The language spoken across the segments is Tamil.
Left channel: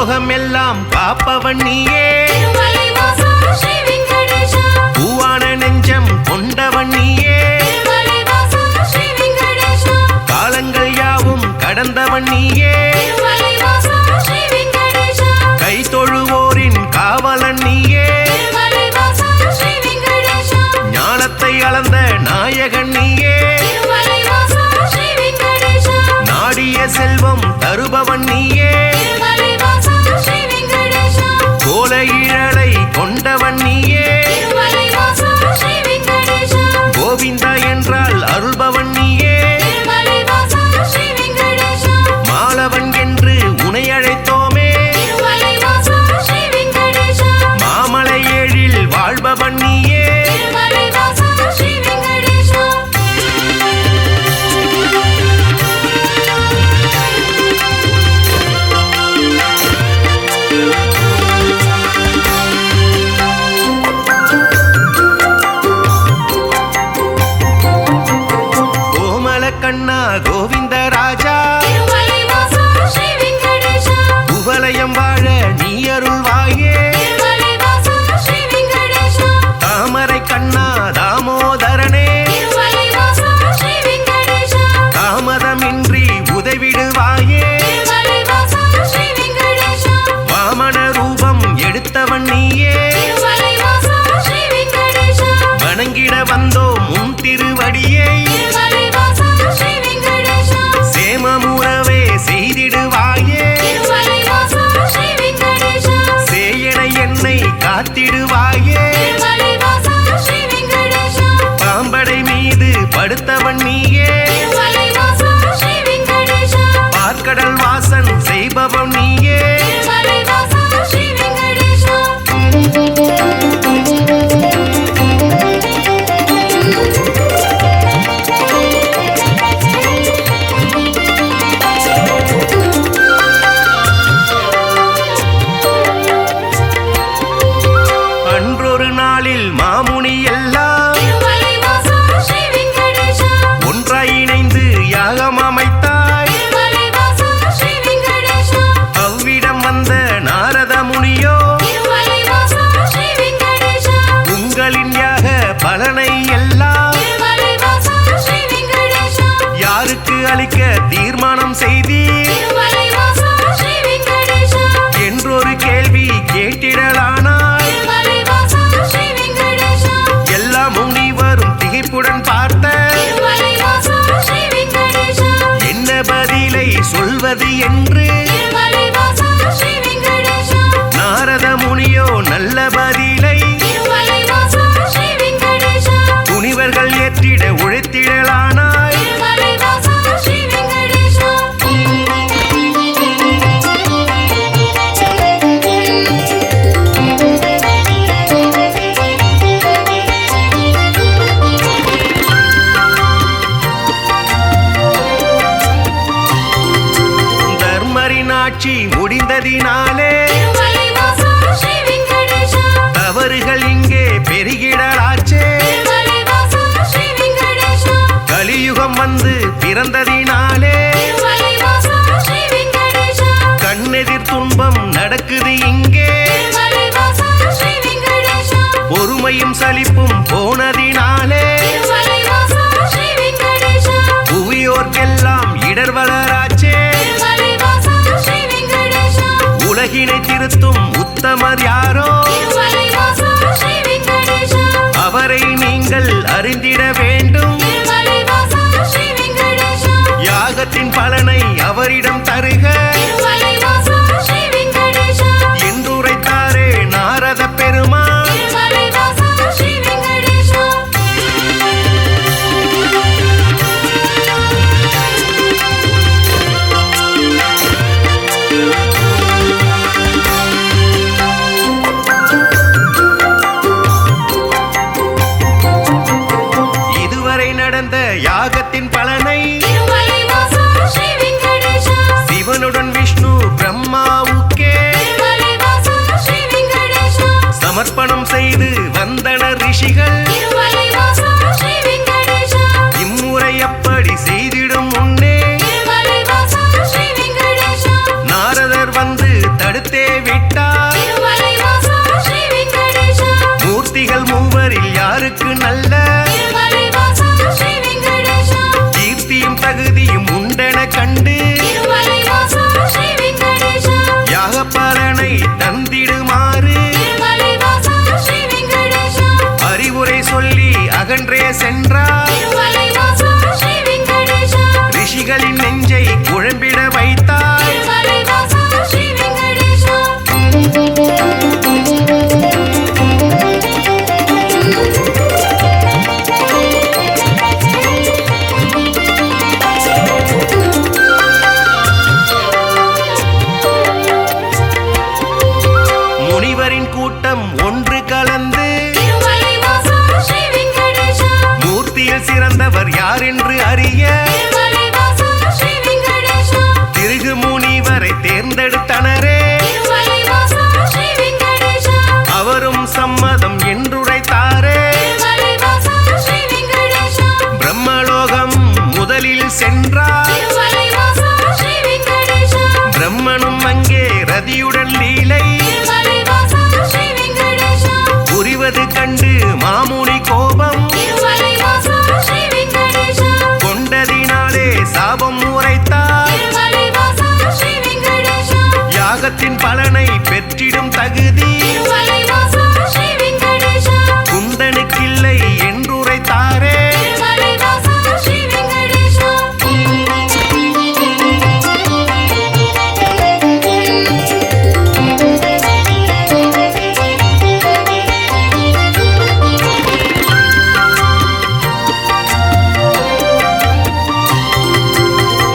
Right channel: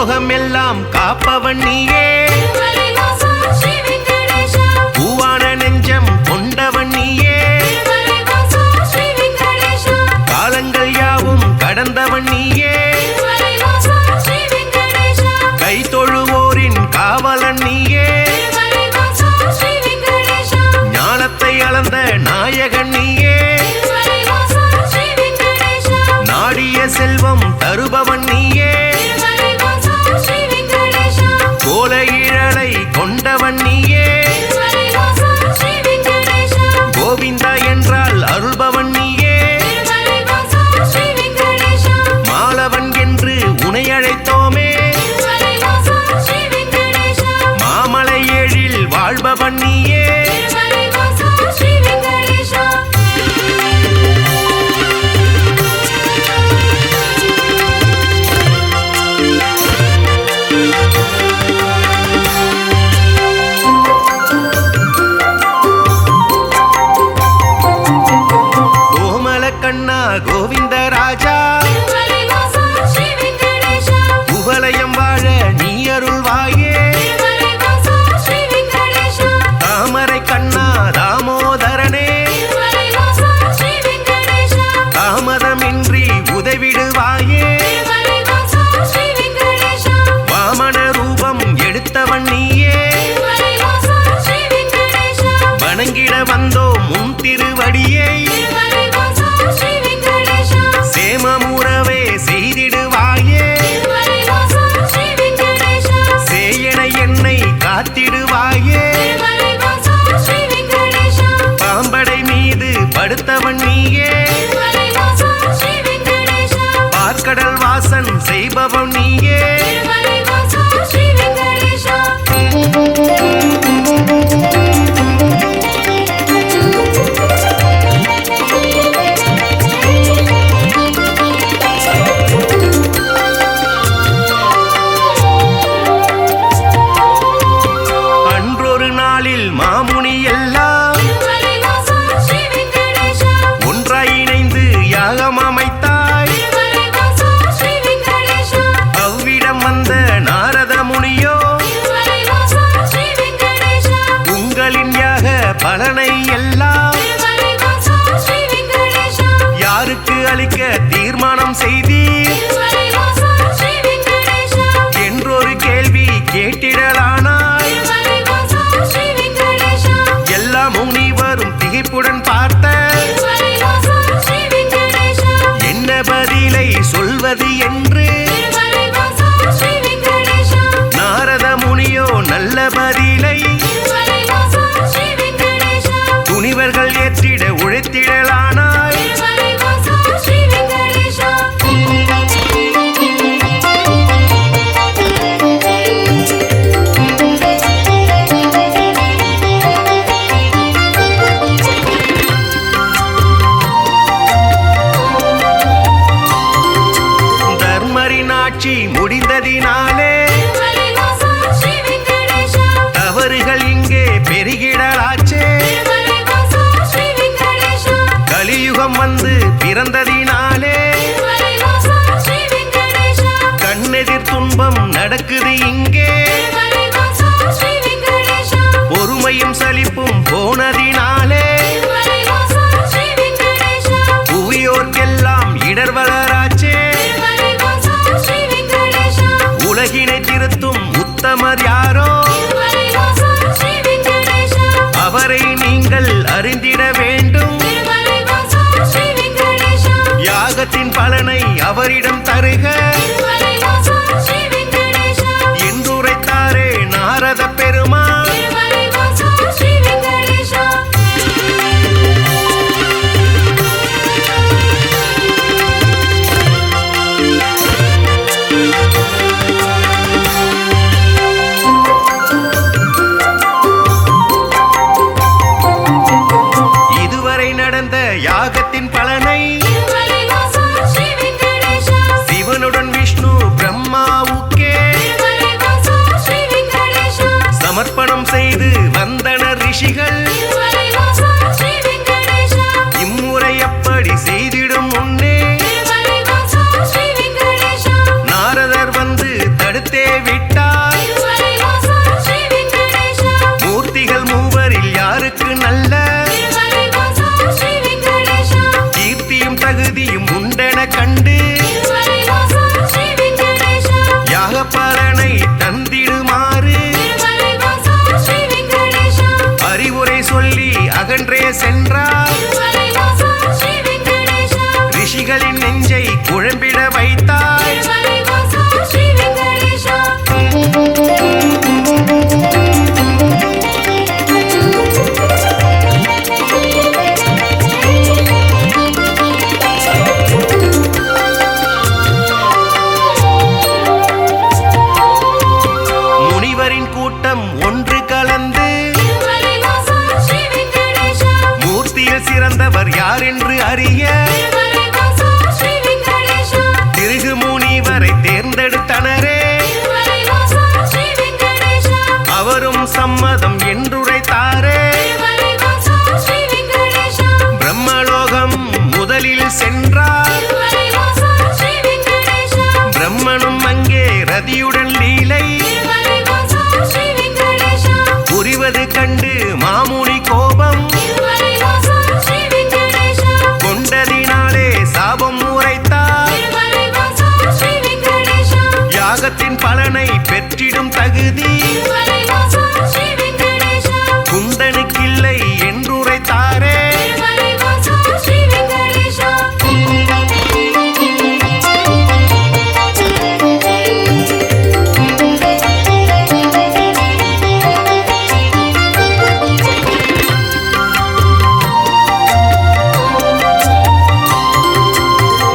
பூலோகம் எல்லாம் காப்பவன் நீயே, பூவான நெஞ்சம் கொண்டவன் நீயே, காலங்கள் யாவும் கடந்தவன் நீயே, கை தொழுவோரின் காவலன் நீயே, ஞானத்தை அளந்த நாயகன் நீயே, நாடிய செல்வம் தருபவன் நீயே, கோல இழலை கொண்டவன் நீயே, கோவிந்தா என்றால் அருள்பவன் நீயே, மாலவன் என்று உனை அழைத்தோமே, மாமலை ஏழில் வாழ்பவன் நீயே, கண்ணா கோவிந்த ராஜா, குவலயம் வாழ நீ அருள்வாயே, தாமரை கண்ணா தாமோதரனே, தாமதமின்றி உதவிடுவாயே, வாமன ரூபம் எடுத்தவன் நீயே, வணங்கிட வந்தோம் உன் திருவடியை, சேமமுறவே செய்திடுவாயே, சேயனை என்னை காத்திடுவாயே, பாம்படை மீது படுத்தவன் நீயே, பார்க்கடல் வாசன் செய்பவன் நீயே, மாமுனி எல்லாம் ஒன்றாய் இணைந்து யாகம் அமைத்தாய், அவ்விடம் வந்த நாரத முனியோ உங்களின் யாக பலனை எல்லாம் யாருக்கு அளிக்க தீர்மானம் செய்தீர் என்றொரு கேள்வி கேட்டிடலானாய், எல்லா முனிவரும் திகைப்புடன் பார்த்த என்ன பதிலை சொல்வது என்று நாரத முனியோ நல்ல பதிலை துணிவர்கள் ஏற்றிட உழைத்திடலானாய், ஆட்சி முடிந்ததினாலே தவறுகள் இங்கே பெருகிடலாச்சே, கலியுகம் வந்து பிறந்ததினாலே கண்ணெதிர் துன்பம் நடக்குது இங்கே, பொறுமையும் சலிப்பும் போனதினாலே புவியோர்க்கெல்லாம் இடர் வளராச்சே, உலகினை திருத்தும் உத்தமர் யாரோ அவரை நீங்கள் அறிந்திட வேண்டும், யாகத்தின் பலனை அவரிடம் தருக என்றுரைத்தாரே நாரத பெருமான். நடந்த யாகத்தின் பலனை சிவனுடன் விஷ்ணு பிரம்மாவுக்கே சமர்ப்பணம் செய்து வந்தனர் ரிஷிகள். இம்முறை அப்படி செய்திடும் முன்னே நாரதர் வந்து தடுத்தே விட்டார். மூர்த்திகள் மூவரில் யாருக்கு நல்ல கீர்த்தியும் தகுதியும் உண்டென கண்டு யாக பலனை தந்திடுமாறு அறிவுரை சொல்லி அகன்றே சென்றார். ரிஷிகளின் நெஞ்சை குழம்பிட வைத்தாய். முனிவரின் கூட்டம் ஒன்று கலந்து மூர்த்தியில் சிறந்தவர் யார் என்று அறிய திருகு முனிவரை தேர்ந்தெடுத்தனரே. அவரும் சம்மதம் என்றுரைத்தாரே. பிரம்மலோகம் முதலில் சென்றார். பிரம்மனும் அங்கே ரதியுடன் லீலை புரிவது கண்டு மாமுனி கோபம் கொண்டதினாலே சாபம் உரைத்தார். யாகத்தின் பலனை பெற்றிடும் தகுதி குந்தனுக்கில்லை என்றுரைத்தாரே.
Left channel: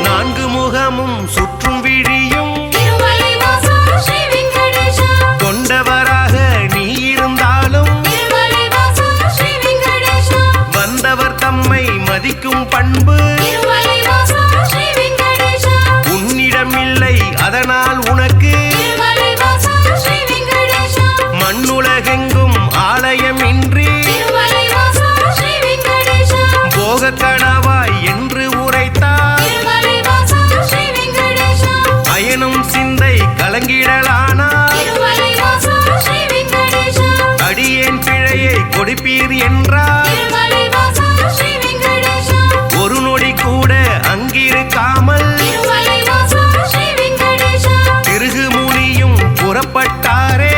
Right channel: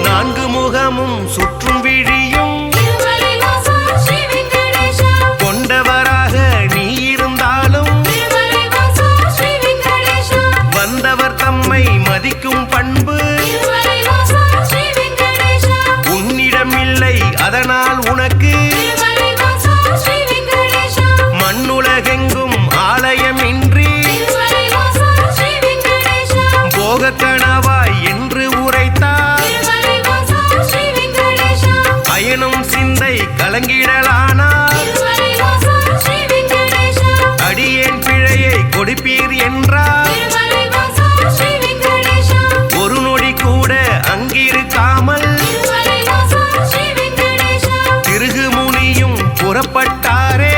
நான்கு முகமும் சுற்றும் விழியும் கொண்டவராக நீ இருந்தாலும் வந்தவர் தம்மை மதிக்கும் பண்பு உன்னிடம் இல்லை. அதனால் உனக்கு மண்ணுலகெங்கும் ஆலயம் இன்றி போக கணவாய் என்று உரைத்தார். அயனும் சிந்தை கலங்கிடலானார். அடியேன் பிழையை கொடுப்பீர் என்றார். ஒரு நொடி கூட அங்கிருக்காமல் திருகு முனியும் புறப்பட்டாரே.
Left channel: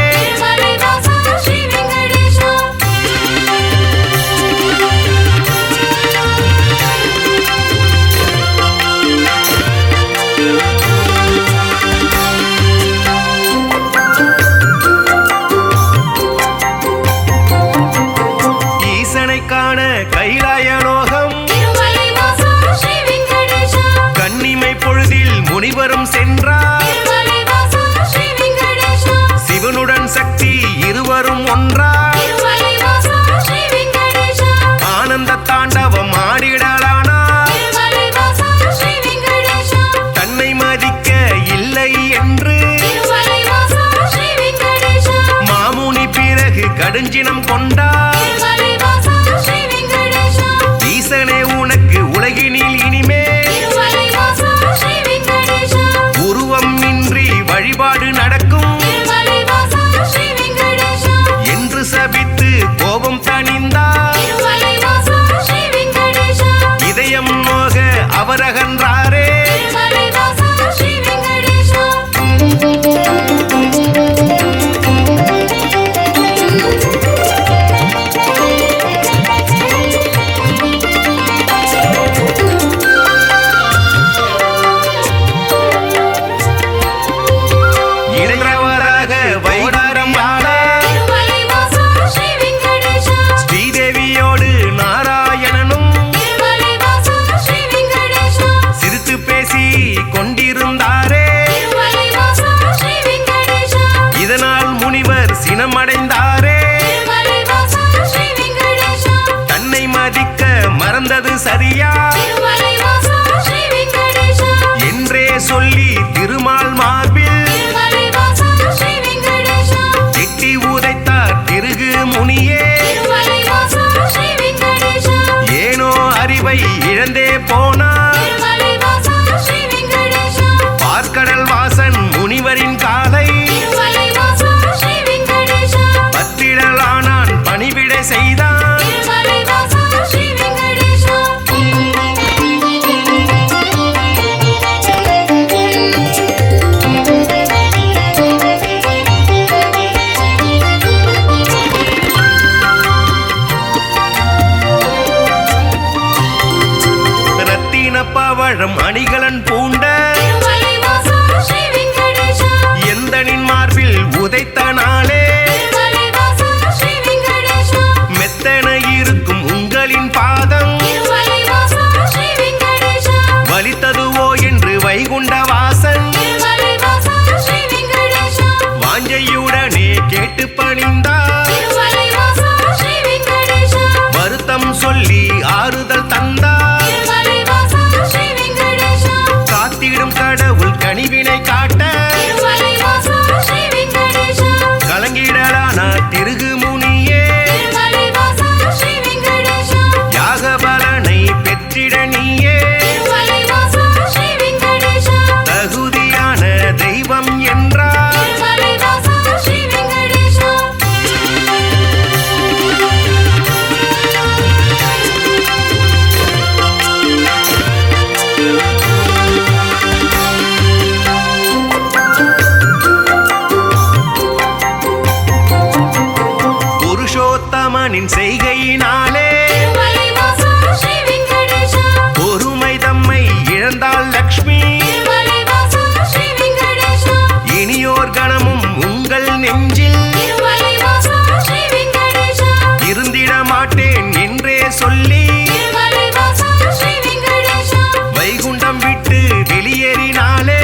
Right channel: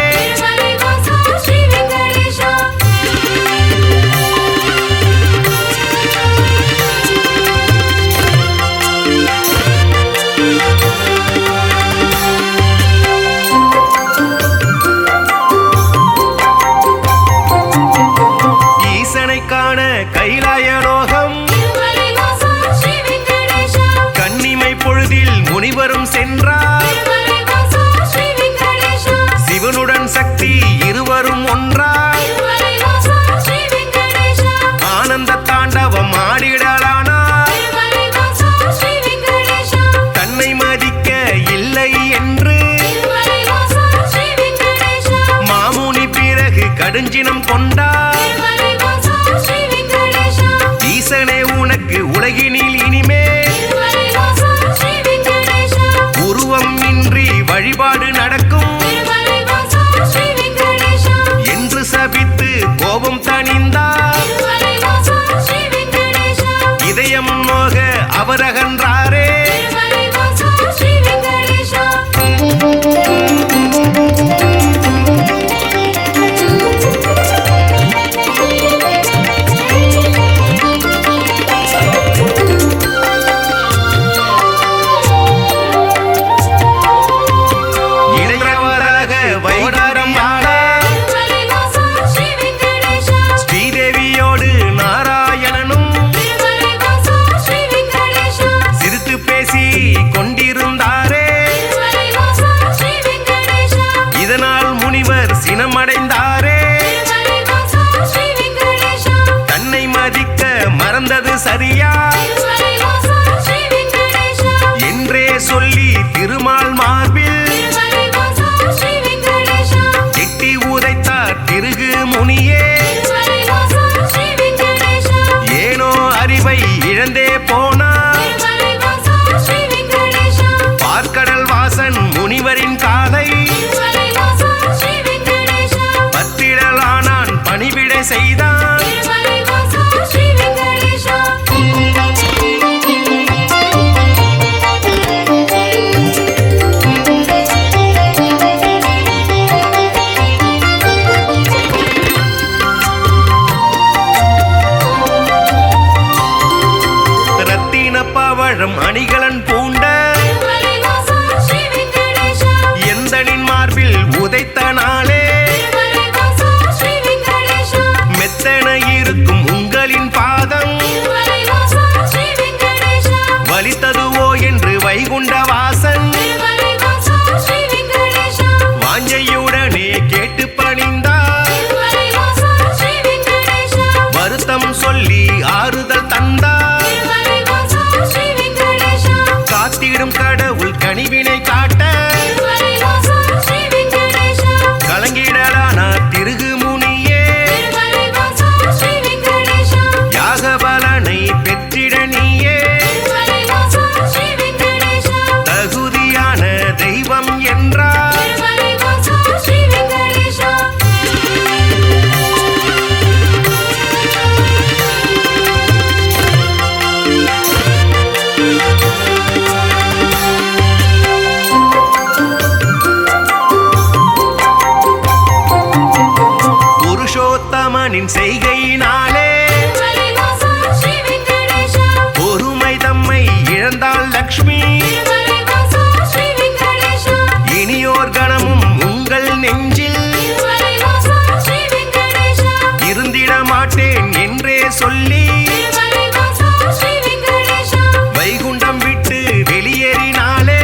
ஈசனை காண கைலாயலோகம் கன்னிமை பொழுதில் முனிவரும் சென்றார். சிவனுடன் சக்தி இருவரும் ஒன்றார். ஆனந்த தாண்டவம் ஆடிடலானார். தன்னை மதிக்க இல்லை என்று மாமுனி பிறகு கடுஞ்சினம் கொண்டார். ஈசனே உனக்கு உலகினில் இனிமேல் உருவம் இன்றி வழிபாடு நடக்கும் என்று சபித்து கோபம் தணிந்தார். இதயம் நோக அவர் அகன்றாரே. இளையவராக வைடாரம் ஆட ஸ்ரீதேவியோடு நாராயணனும் சிரித்து பேசி கொண்டிருந்தாரே. இதனால் முனிவர் சினமடைந்தாரே. தன்னை மதிக்க மறந்தது சரியா என்றே சொல்லி திருமால் மார்பில் எட்டி உதைத்தார் திருகு முனியே. ஏனோ அறிவை இழந்தே போனார். பார்க்கடல் வாசன் முனிவரின் காலை பத்திடலானான் பணிவிட செய்தான். ரத்தின பவழம் அணிகலன் பூண்ட எந்தனின் மார்பில் உதைத்த நாளே மெத்தன இருக்கும் உங்களின் பாதம் வலித்ததுவோ என்று வைகுண்ட வாசன் வாஞ்சையுடனே கேட்டு பணிந்தார். வருத்தம் சொல்லி ஆறுதல் தந்தார். காத்திடும் கடவுள் கனிவினை காட்ட கலங்கிடலான திருகு முனியே யாக பலனை பெற்றிட நீயே தகுதியான தெய்வம் என்றார். புருஷோத்தமனின் செய்கையினாலே பொறுமை தம்மை இழந்தாள் லக்ஷ்மி. இனியோர் கணமும் உங்கள் நெஞ்சில் இருந்திட மாட்டேன் என்றே சொல்லி வைகுண்டம் விட்டு வெளியேறினாலே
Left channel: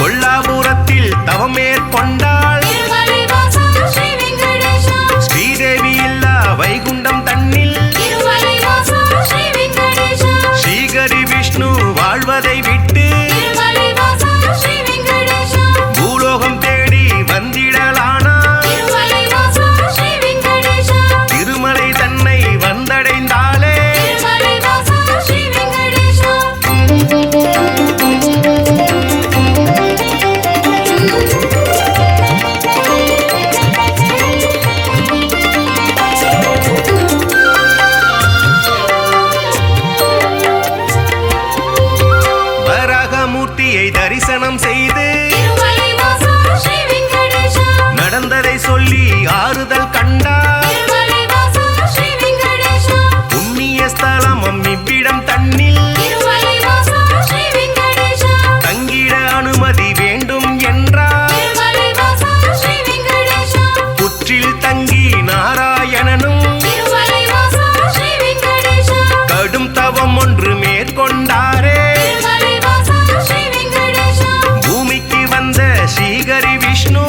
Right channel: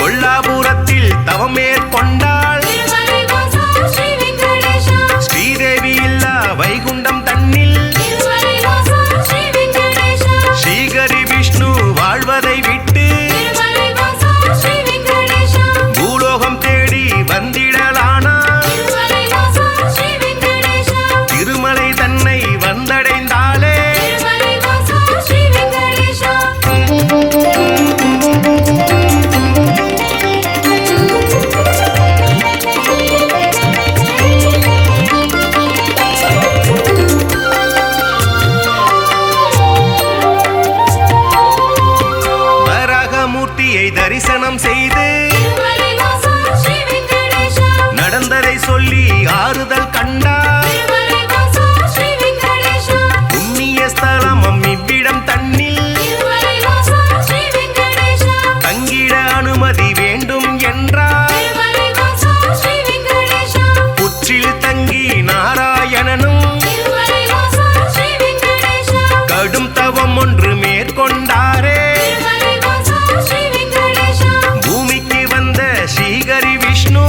கொல்லாபுரத்தில் தவம் மேற்கொண்டாள். ஸ்ரீதேவி இல்லா வைகுண்டம் தன்னில் ஸ்ரீகரி விஷ்ணு வாழ்வதை விட்டு பூலோகம் தேடி வந்திடலானார். திருமலை தன்னை வந்தடைந்தாலே மூர்த்தியை தரிசனம் செய்து நடந்ததை சொல்லி ஆறுதல் கண்டார். புண்ணிய ஸ்தலமும் இவ்விடம் தன்னில் தங்கிட அனுமதி வேண்டும் என்றார். புற்றில் தங்கி நாராயணனும் கடும் தவம் ஒன்று மேற்கொண்டாரே. பூமிக்கு வந்த ஸ்ரீகரி விஷ்ணு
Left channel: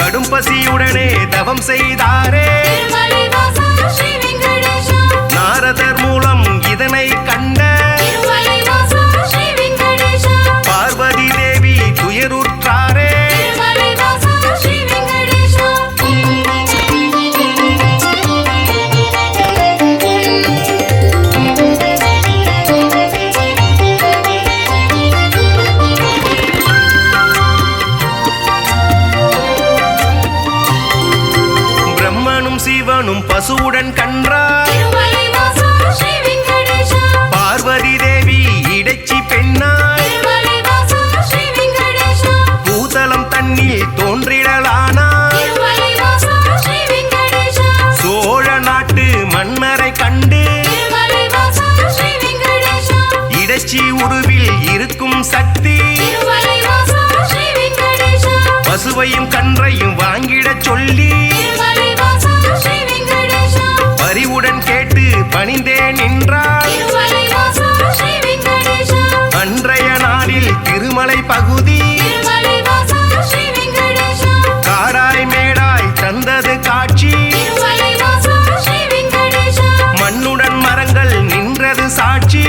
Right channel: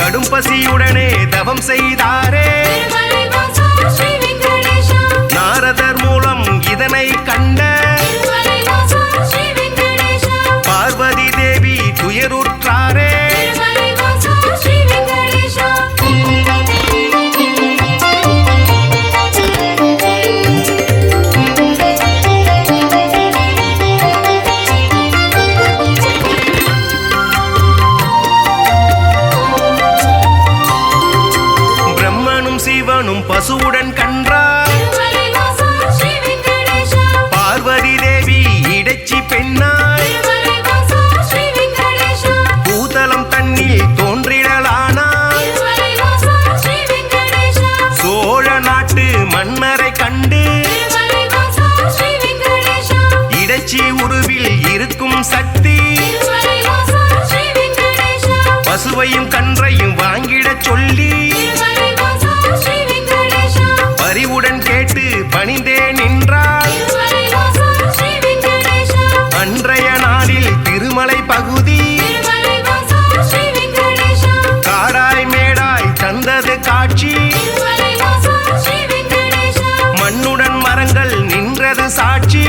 கடும் பசியுடனே தவம் செய்தாரே. நாரதர் மூலம் இதனை கண்ட பார்வதி தேவி துயருற்றாரே. பிரம்மனும் சிவனும் பசுவுடன் கன்றார். பார்வதி தேவி இடைச்சி பெண்ணாய் பூதலம் தன்னில் தோன்றிடலானாய். சோழ நாட்டு மன்னரை கண்டு இடைச்சி உருவில் இருக்கும் சக்தி பசுவையும் கன்றையும் வாங்கிடச் சொல்லி பரிவுடன் கேட்டு பணிந்தே நின்றாள். அன்றைய நாளில் திருமலை பகுதி காடாய் மேடாய் தந்தது காட்சி. மண்ணுடன் மரங்கள் நின்றது சாட்சி.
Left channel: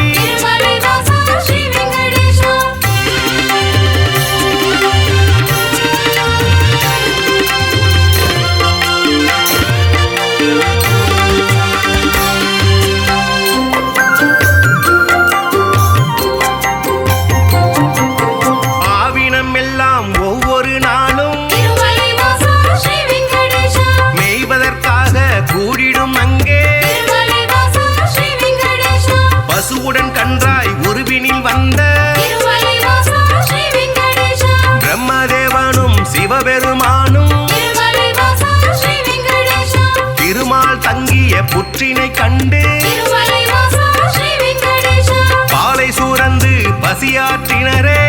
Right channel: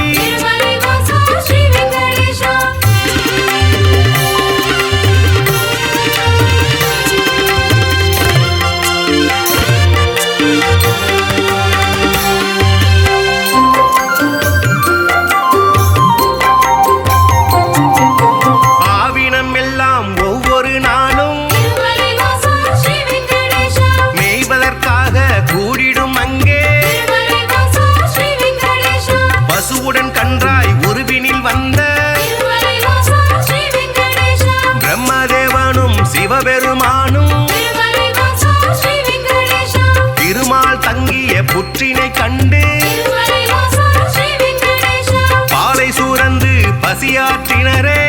மனிதராய் உருவினில் வந்த பிரம்மதேவனும் சிவபெருமானும் திருமால் தங்கிய புற்றினை கண்டு பாலை சூரந்து பசியாற்றினரே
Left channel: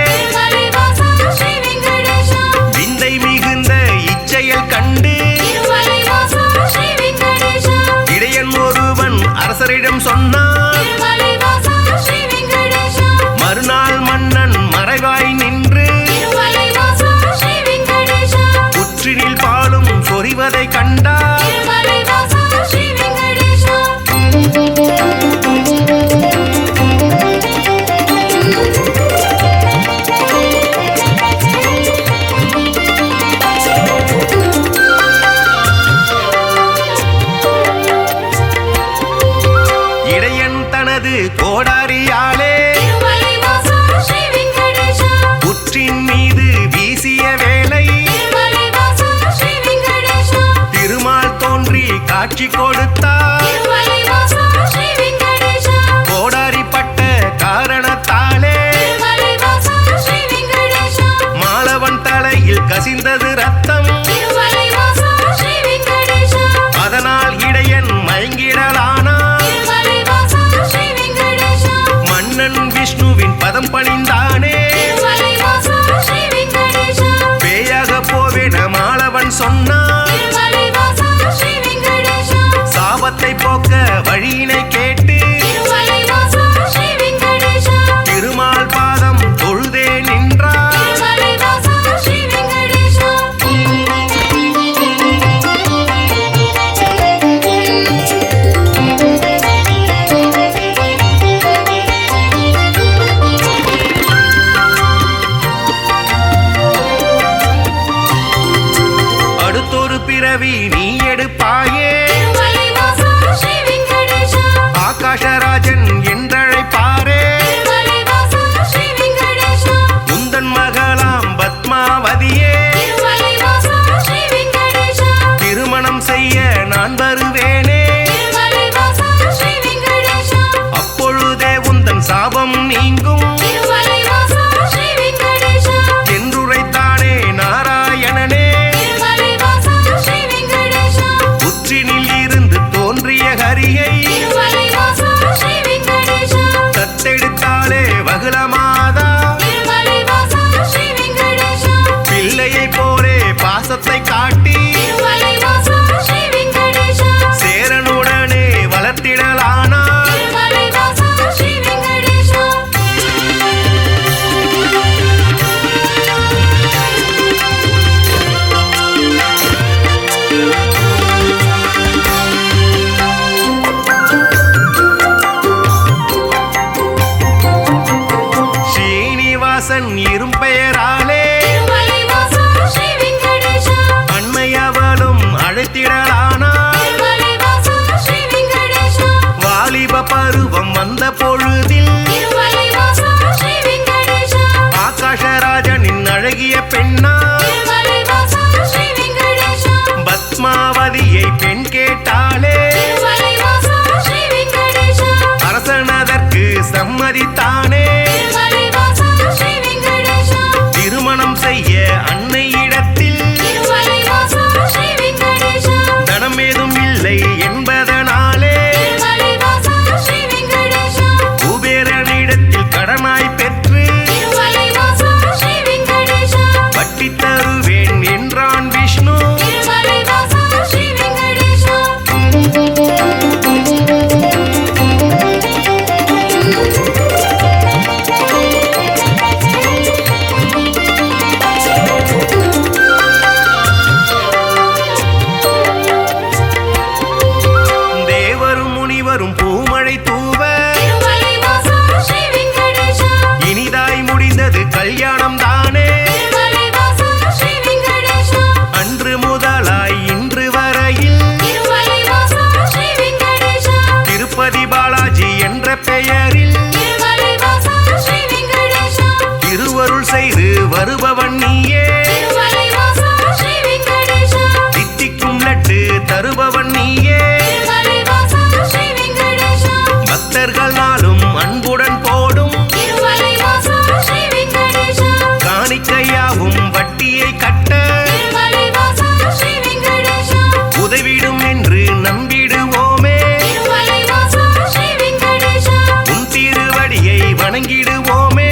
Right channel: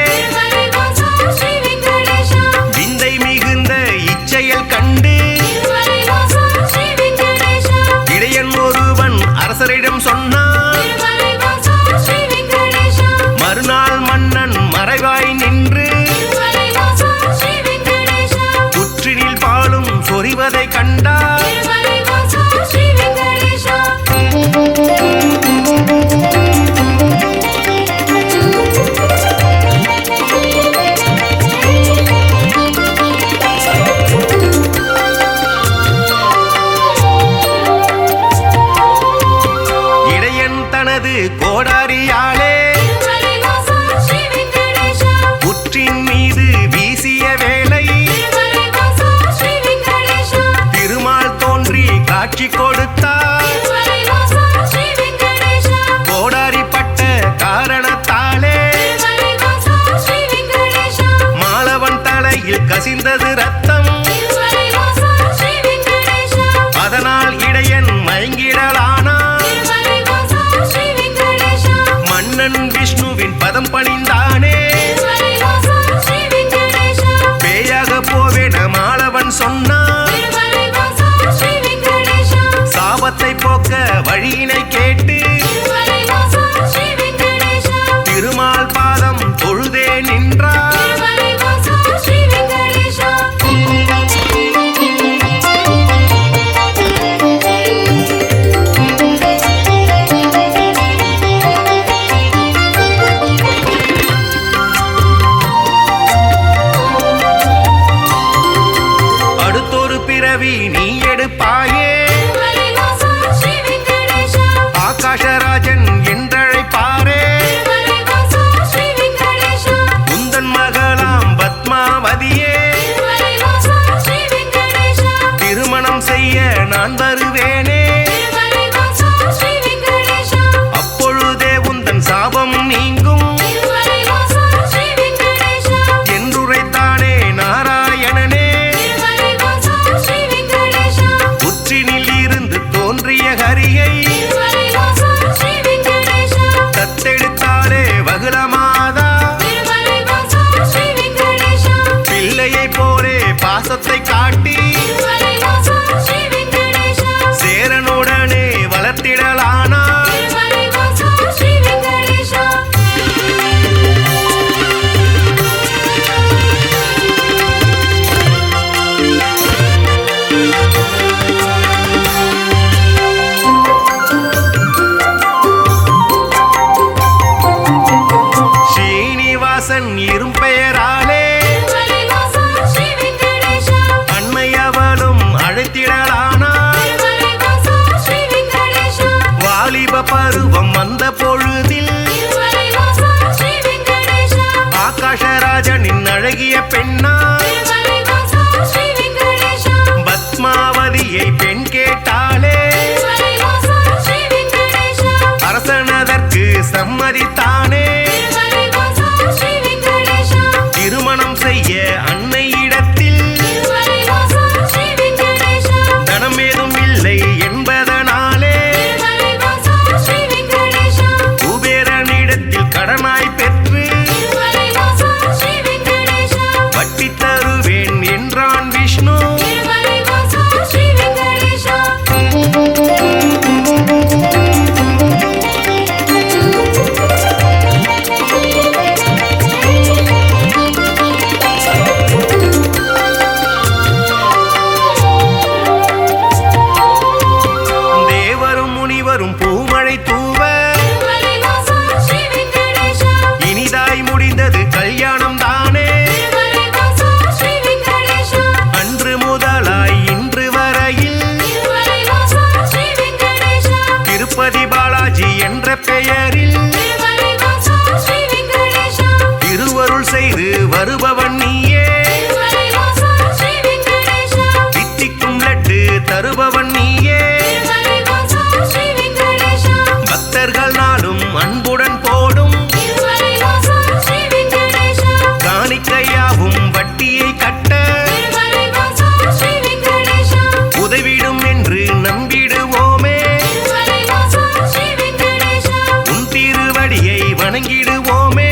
விந்தை மிகுந்த இச்செயல் கண்டு இடையன் ஒருவன் அரசரிடம் சொன்னான். மறுநாள் மன்னன் மறைவாய் நின்று புற்றினில் பாலும் சொரிவதை கண்டார். இடையன் தனது கோடாரியாலே புற்றின் மீது வீசிய வேளை திருமால் தோன்றி காட்சி கொடுத்தார். கோடாரிப்பட்ட காரணத்தாலே மாலவன் தலையில் கசிந்தது ரத்தம். அதனால் இடையன் மயங்கிடலானான். மன்னன் விஷ்ணுவின் பதம் பணிந்தானே. பேயாக போவேன மாலவன் சொன்னான். சாபத்தை போக்க வழியினை கேட்டு திருமால் பாதம் தொழுதே நின்றார். அடுத்தொரு பிறவி நீ எடுப்பாயே, ஆகாஷராஜன் என்றழைப்பாரே. உந்தன் மகளாம் பத்மாவதியே, திருமணம் செய்ய நான் வருவேனே. அப்பொழுதே உந்தன் சாபம் நீங்கும் என்றுரைத்தானே நாராயணனே. புற்றினில் இருந்து தோன்றிய ஹரியை தத்தெடுத்தாலே வகுளமாதா. பிள்ளையை போலே பாசத்தை காட்டி சேரனுடனே வளர்த்திடலானாள். ஸ்ரீனிவாசன் இரும்பெயராலே அண்மையவளும் அழைத்திடலானாள். வாலிப பருவம் வந்த பொழுதில் ஆகாஷராஜனின் அழகிய பெண்ணா பத்மாவதியை பெண் கேட்டாலே. அரசனதற்கு சம்மதித்தானே. திருமணம் செய்ய அன்னையிடத்தில் தனமேதும் இல்லை என்பதனாலே குபேரனிடத்தில் கடனாய் பெற்று வட்டி தருவேன் என்றான் விஷ்ணு. வரும் பூமழை தூவ இனிதாய் முடிந்தது கல்யாணம் தானே. அன்று முதலாய் இன்று வரையில் திருப்பதி பாலாஜி என்ற பெயரில் திருவருள் செய்து வருபவன் நீயே. தித்திக்கும் லட்டு தருபவன் நீயே. பக்த பக்தர்கள் நாளும் அன்புடன் போடும் காணிக்கையாவும் வட்டியை கட்ட உதவிடும் என்று நம்பிடுவோமே. உன் திருவடியை வணங்கிடுவோமே.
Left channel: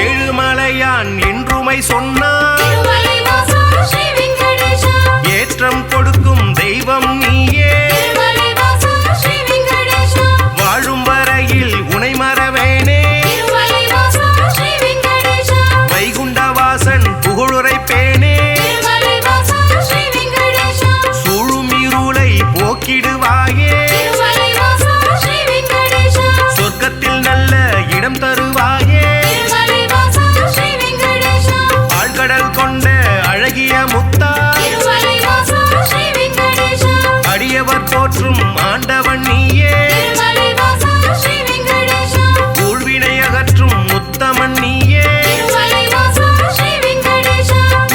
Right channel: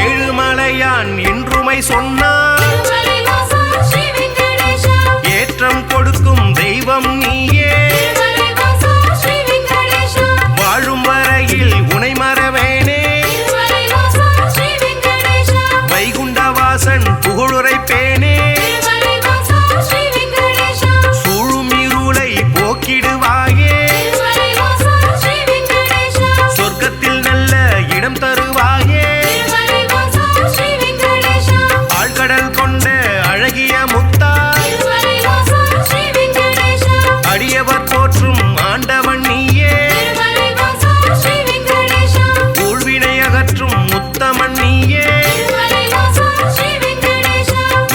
ஏழுமலையான் என்றுமை சொன்னார் ஏற்றம் கொடுக்கும் தெய்வம் நீயே. வாழும் வரையில் உனை மறவேனே. வைகுண்டவாசன் புகழுரைப்பேனே. சூழும் இருளை போக்கிடுவாயே. சொர்க்கத்தில் நல்ல இடம் தருவாயே. ஆழ்கடல் கொண்ட அழகிய முத்தாய் அடியவர் போற்றும் ஆண்டவன் நீயே. ஊழ்வினை அகற்றும் உத்தமன் நீயே.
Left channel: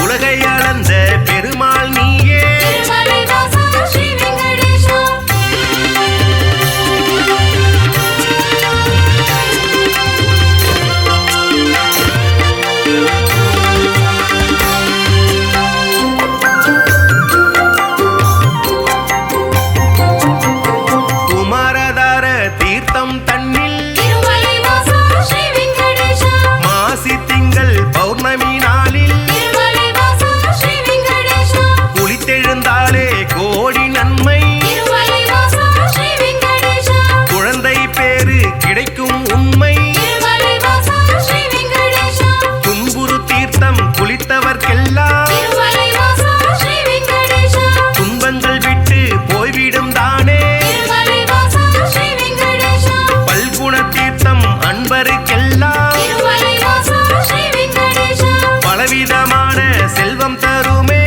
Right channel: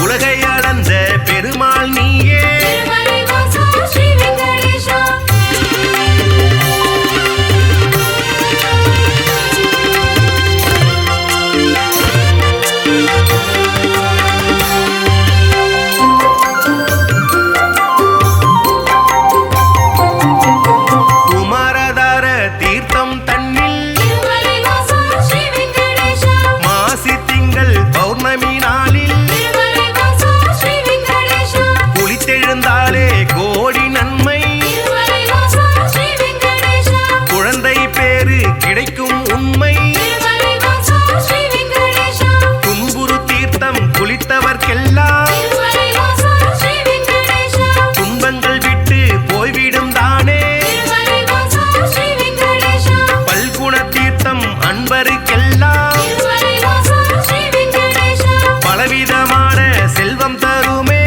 உலகை அளந்த பெருமாள் நீயே. குமாரதார தீர்த்தம் தன்னில் மாசி திங்கள் பௌர்ணமி நாளில் குளித்தெழுந்தாலே கோடி நன்மை. குழந்தை பேரு கிடைக்கும் உண்மை. துன்புறு தீர்த்தம் குளித்தவர்க்கெல்லாம் துன்பங்கள் விட்டு போய்விடும் தானே. பல்குண தீர்த்தம் அன்பருக்கெல்லாம் பலவிதமான செல்வம் தருமே.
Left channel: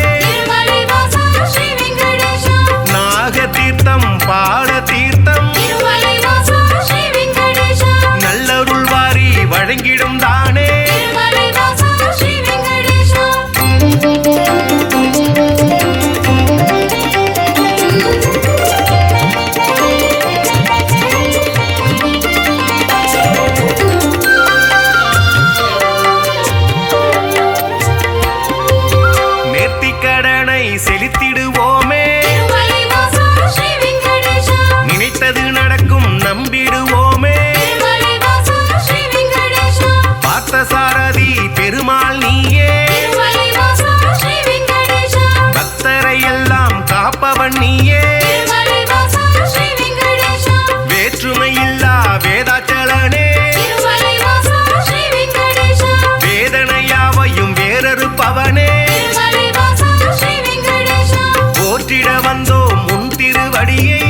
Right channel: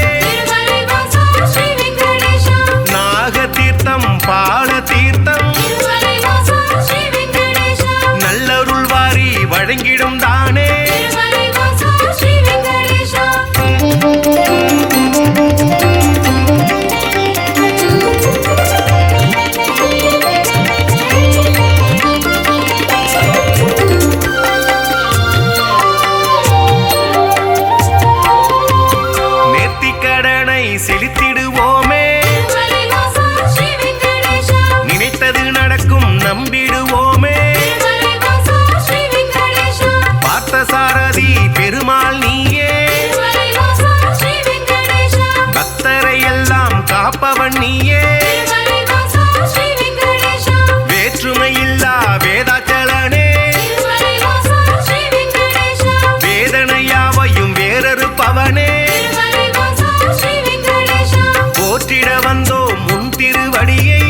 நாக தீர்த்தம் பால தீர்த்தம் நல்லருள் வாரி வழங்கிடும் தானே. நேர்த்திக்கடனை செலுத்திடுவோமே. நினைத்தது நடக்கும் நம்பிடுவோமே. பார்த்தசாரதி பெருமாள் நீயே. பக்தரை எல்லாம் காப்பவன் நீயே. வேற்றுமையில்லா வேதாச்சலனே. வேதனையாவையும் வேறறுப்பவனே. போற்றிட வந்தோம் முன் திருவடியை.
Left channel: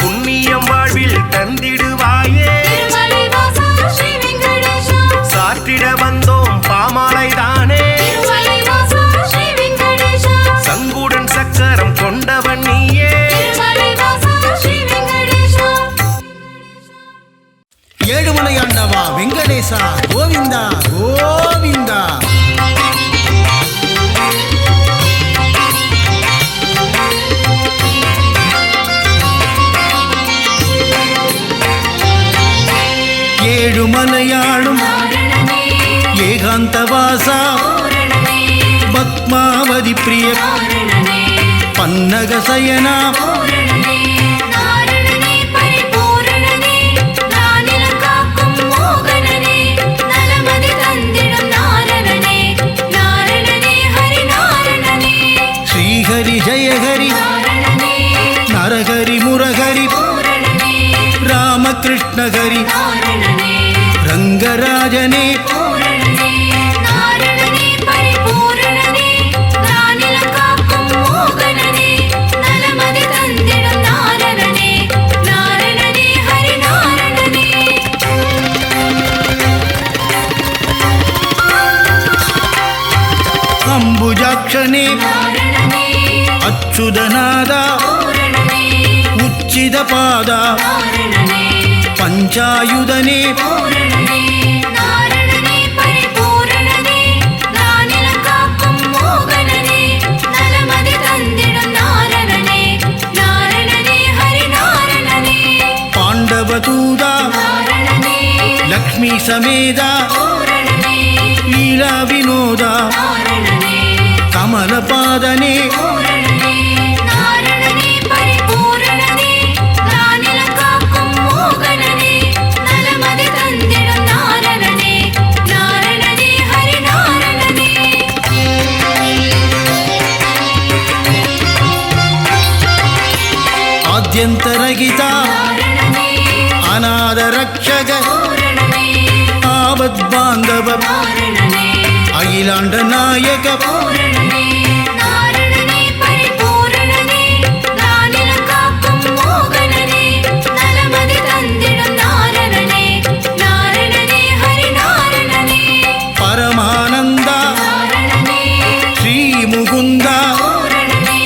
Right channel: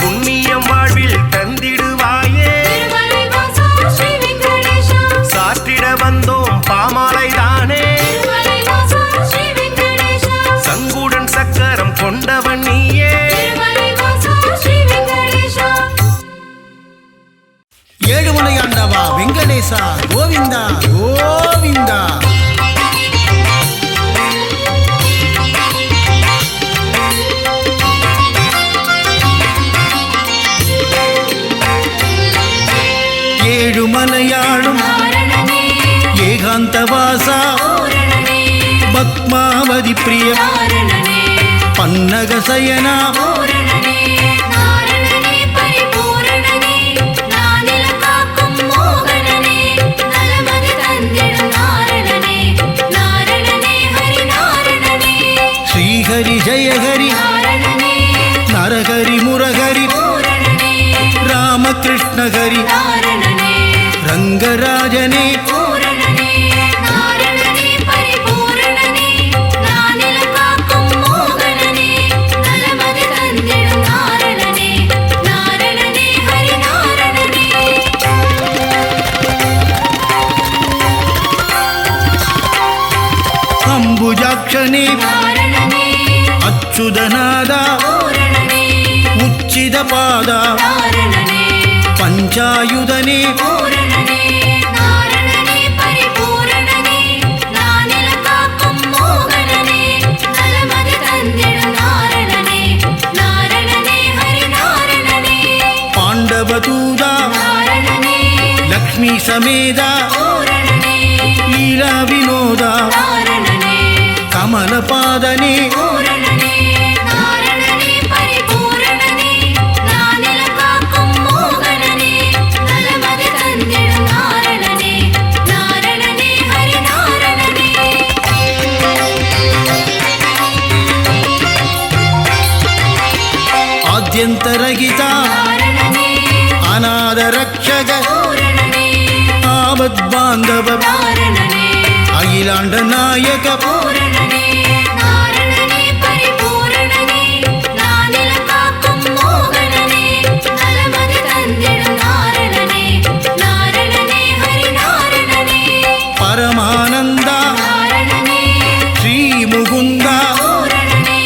புண்ணியம் வாழ்வில் தந்திடுவாயே. சாற்றிட வந்தோம் பாமாலைதானே. சங்குடன் சக்கரம் கொண்டவன் நீயே. ஏழுமலையாண்டவா வெங்கடேசா கோவிந்தா கோவிந்தா. ஏழுமலையாளும் ஏகாந்தவாசா பத்மாவதி பிரிய பன்னகசயனா ஸ்ரீஹரி ஜெயஹரி நரஹரி முரஹரி ராமகிருஷ்ணஹரி ரங்கராஜனே அம்புஜாக்ஷனே ಅಚ್ಯುತನಾದ ಪೂರಣನೇ ಉಚ್ಚಿದ ಪಾದ ಕಾರಣನೇ ಪಂಚಾಯುಧನೇ பூரணனே நாரணனே பரிபூரணனே நானில காக்கும் மோகனனே நலமதி தந்திடும் நாரணனே நாரணனே ஹரிநாரணனே ಪಾಂಡವದೂತ நாரணனே ಲಕ್ಷ್ಮೀ ಸಮೇತ பூரணனே ಲೀಲಾ ವಿನೋದ நாரணனே ಕಮಲಪಾದನೇ பூரணனே நாரணனே பரிபூரணனே நானில காக்கும் மோகனனே நலமதி தந்திடும் நாரணனே நாரணனே ஹரிநாரணனே ಆದ್ಯಂತರಹಿತ நாரணனே ಅನಾಥ ರಕ್ಷಕ பூரணனே ಆಪದ್ಬಾಂಧವ நாரணனே ಅಖಿಲಾಂಡ ನಾಯಕ பூரணனே நாரணனே பரிபூரணனே நானில காக்கும் மோகனனே நலமதி தந்திடும் நாரணனே நாரணனே ஹரிநாரணனே ಪರಮಾನಂದ நாரணனே ಶ್ರೀ ಮುಕುಂದ பூரணனே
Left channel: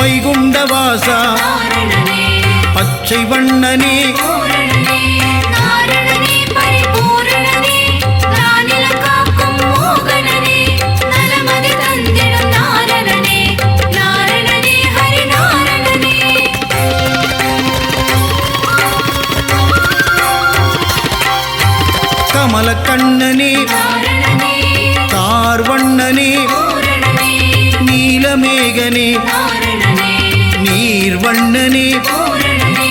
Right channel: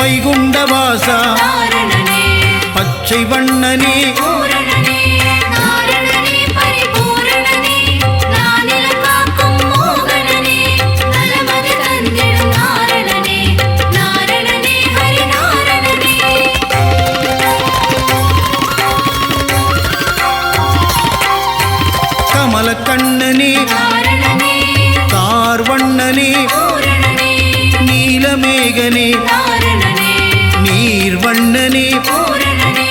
ವೈಗುಂಡವಾಸ நாரணனே பச்சை வண்ணனே பூரணனே நாரணனே பரிபூரணனே நானில காக்கும் மோகனனே நலமதி தந்திடும் நாரணனே நாரணனே ஹரிநாரணனே ಕಮಲ ಕಣ್ಣನೇ நாரணனே ಕಾರ್ವಣ್ಣನೇ பூரணனே ನೀಲಮೇಘನೇ நாரணனே ನೀರ್ವಣ್ಣನೇ பூரணனே